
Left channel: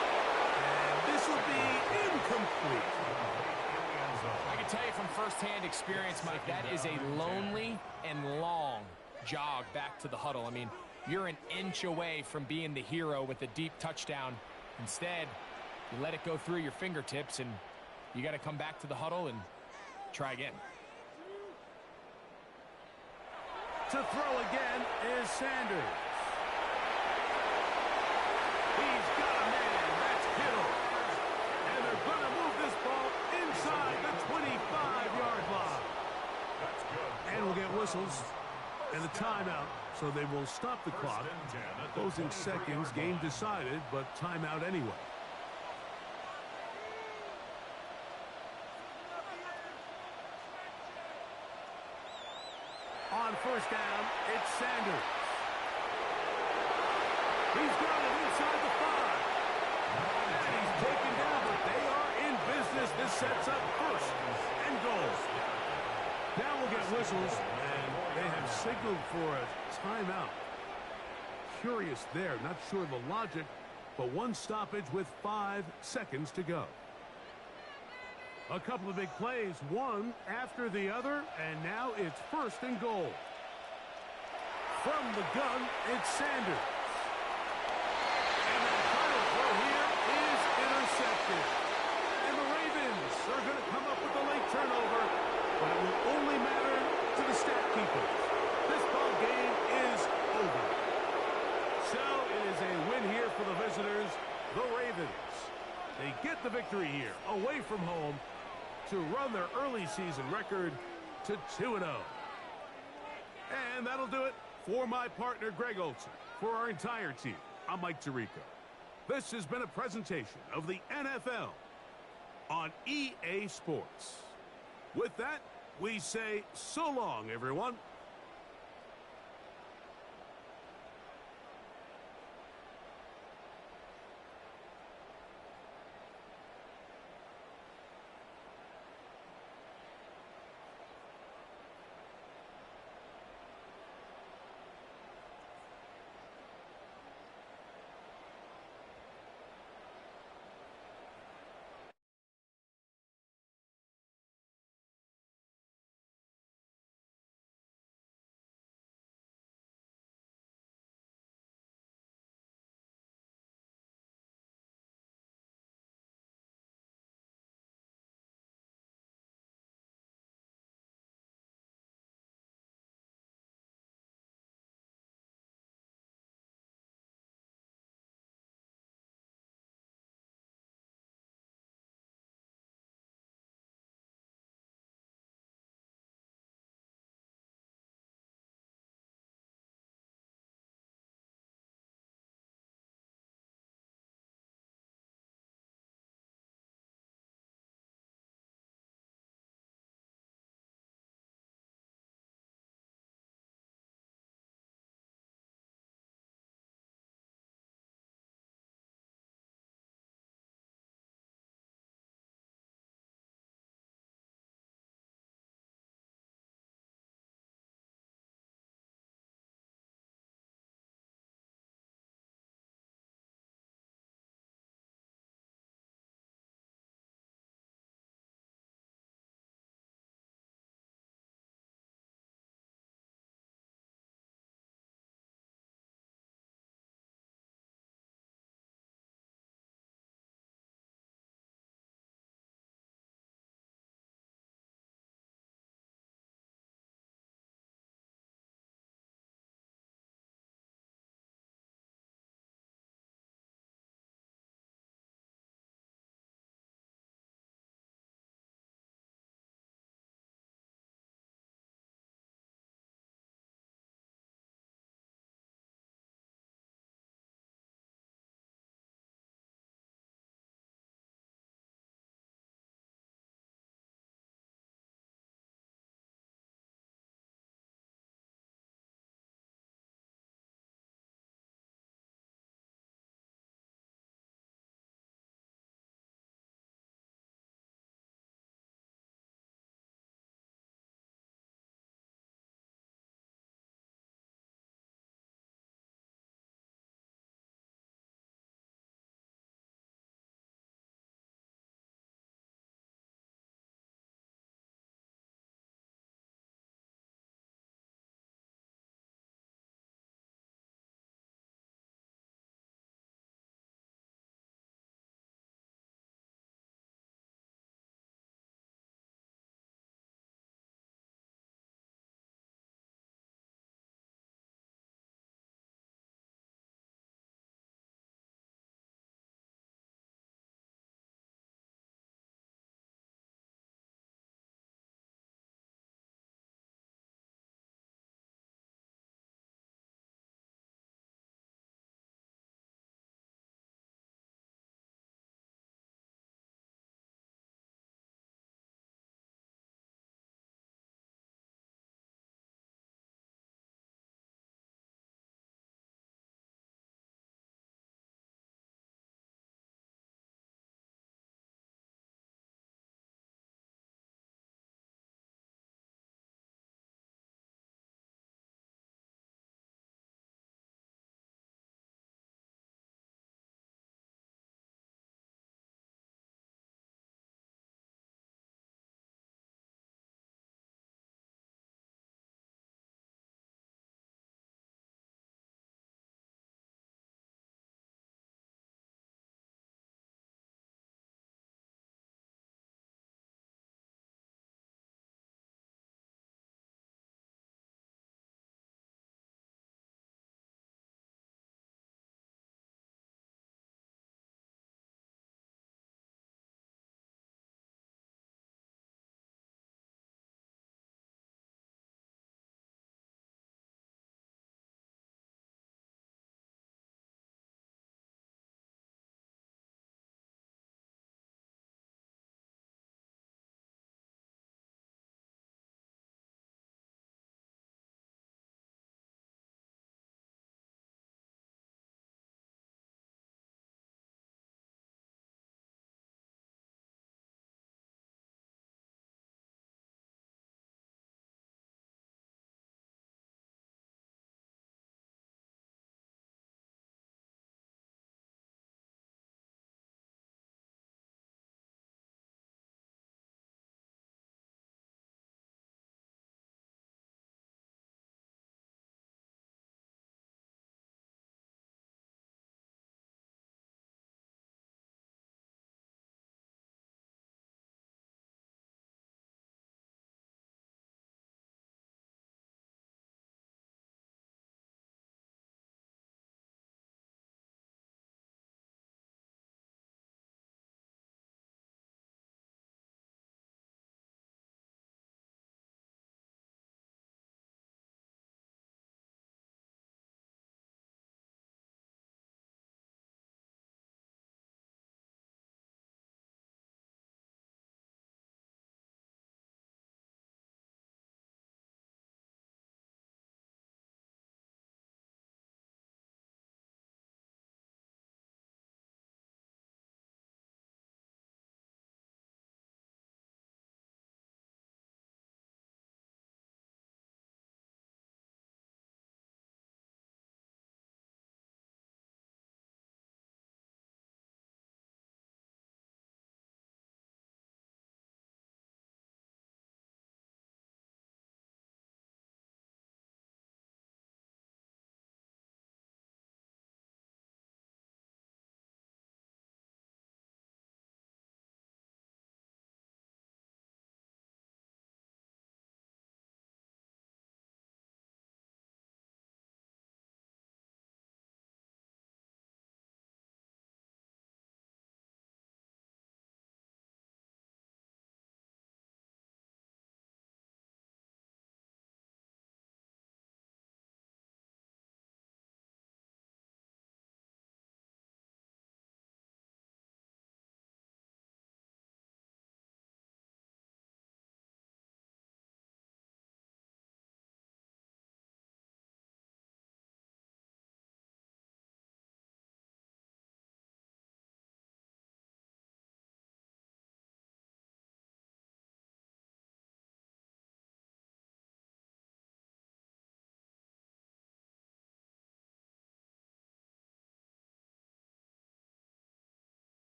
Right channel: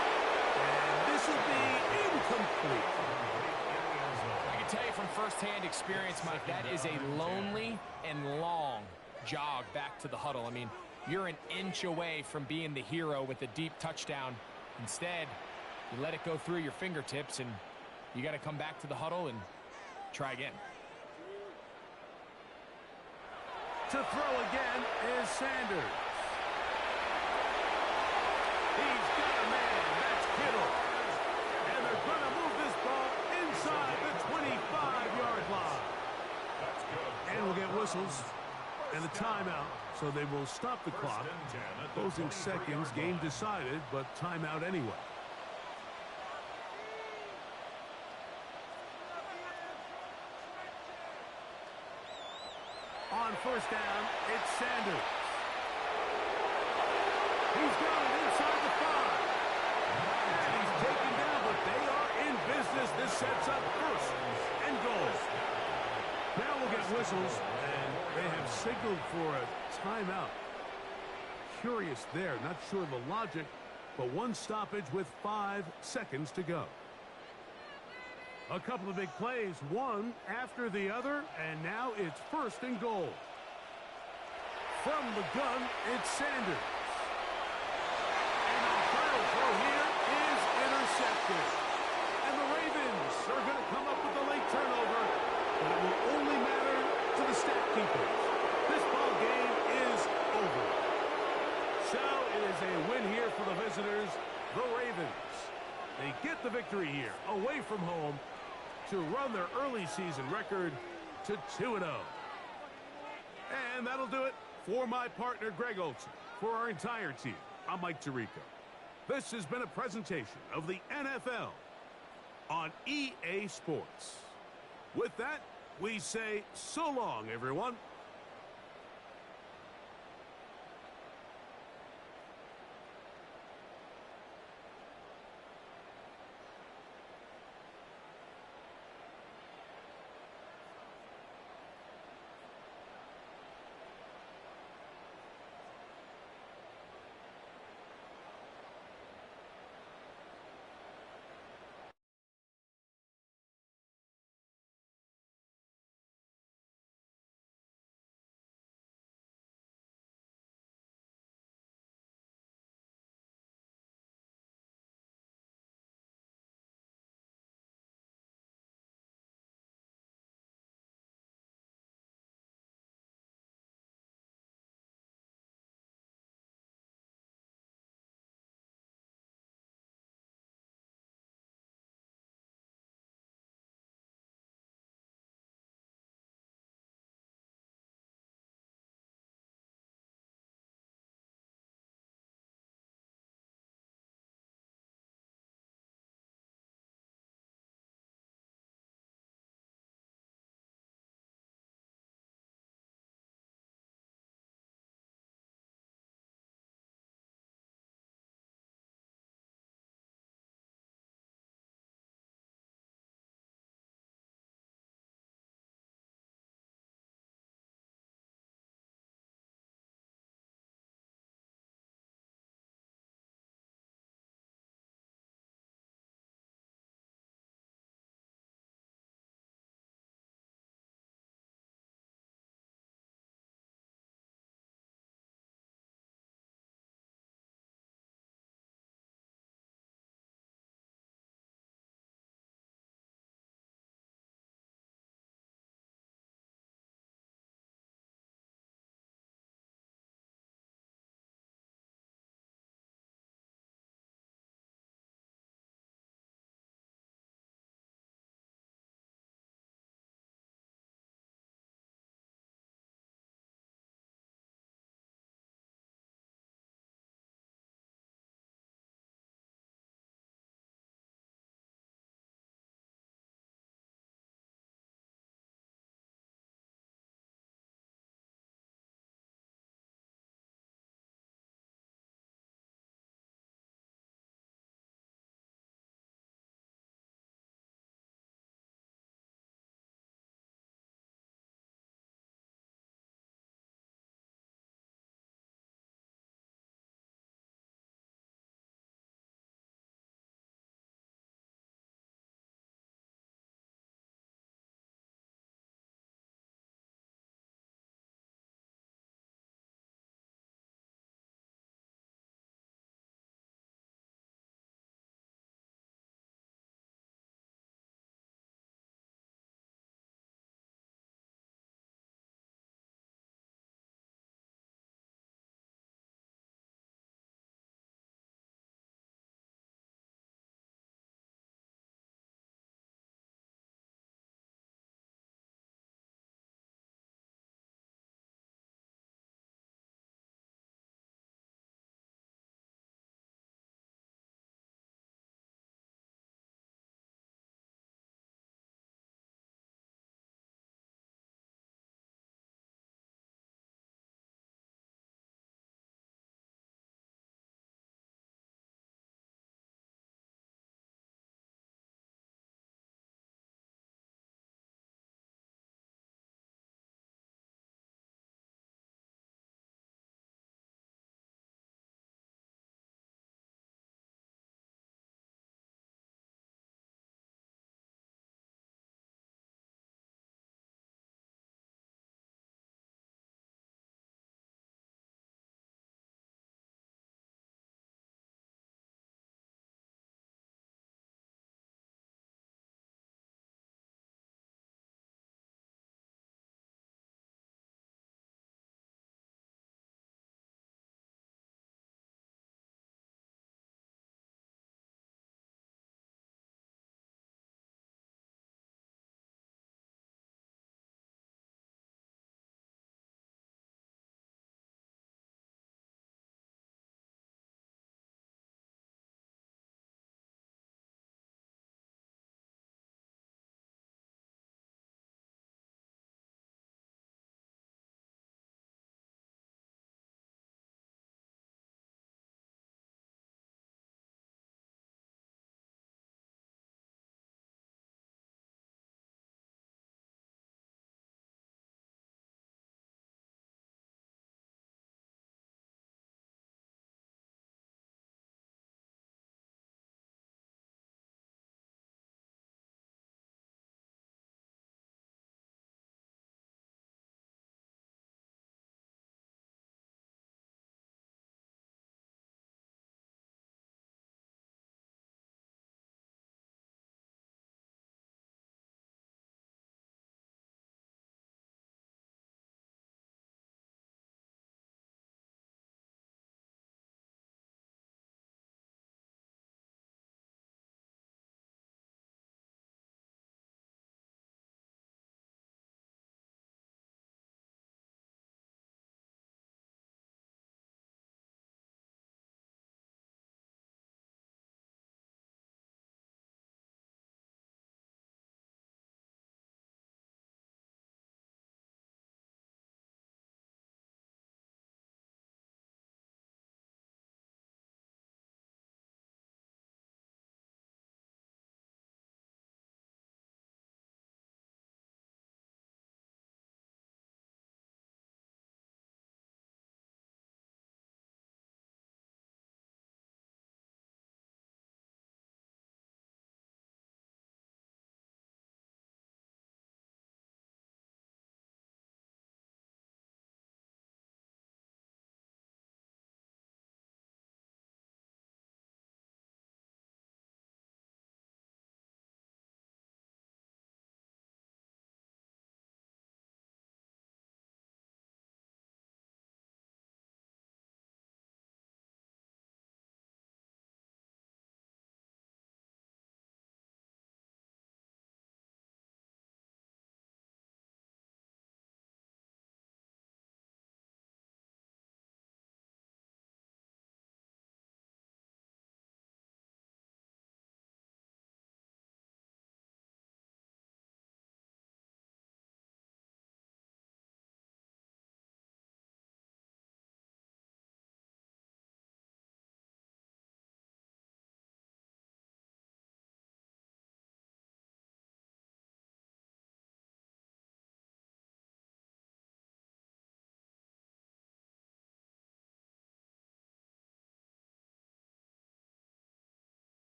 And this will be incomplete. I can tell you from firsthand experience, Mike, that is a lonely and long jog back to the huddle. I mean, you're an inch away from being the hero with a deep touchdown. Instead, you let it go through your fingertips, and you got to come back to the huddle and try again. To throw again is Sanders. He's got a man. That's Kittle. And they're going to move this ball inside the 25-yard line. And we'll get whistles and a timeout, so they will stop the clock. Closing seconds, game decided, but timeout anyway. On first down, it's Sanders. He's got it inside the 5. And he's taken down, but they are in business. This sets up first and goal. Now we'll get whistles, and they have signaled for a timeout. Curious there, not sure the logic, but one stoppage with 5 seconds to go. A couple of big plays, one after the other, and now it's first and goal. From the gun, it's Sanders. And the final throw here is intercepted. And the Ravens are going to come up with a late turnover, but it will only matter to the stat keepers. This ball game is over. So it is a win here for the visitors, the Ravens. They get the victory here, away from home, to run their early season record to 2-0. And that'll do it for my partner, Greg Olsen. For our entire team, I'm Mike Tirico. This has been a presentation of the NFL on EA Sports. With that, we say so long, everyone.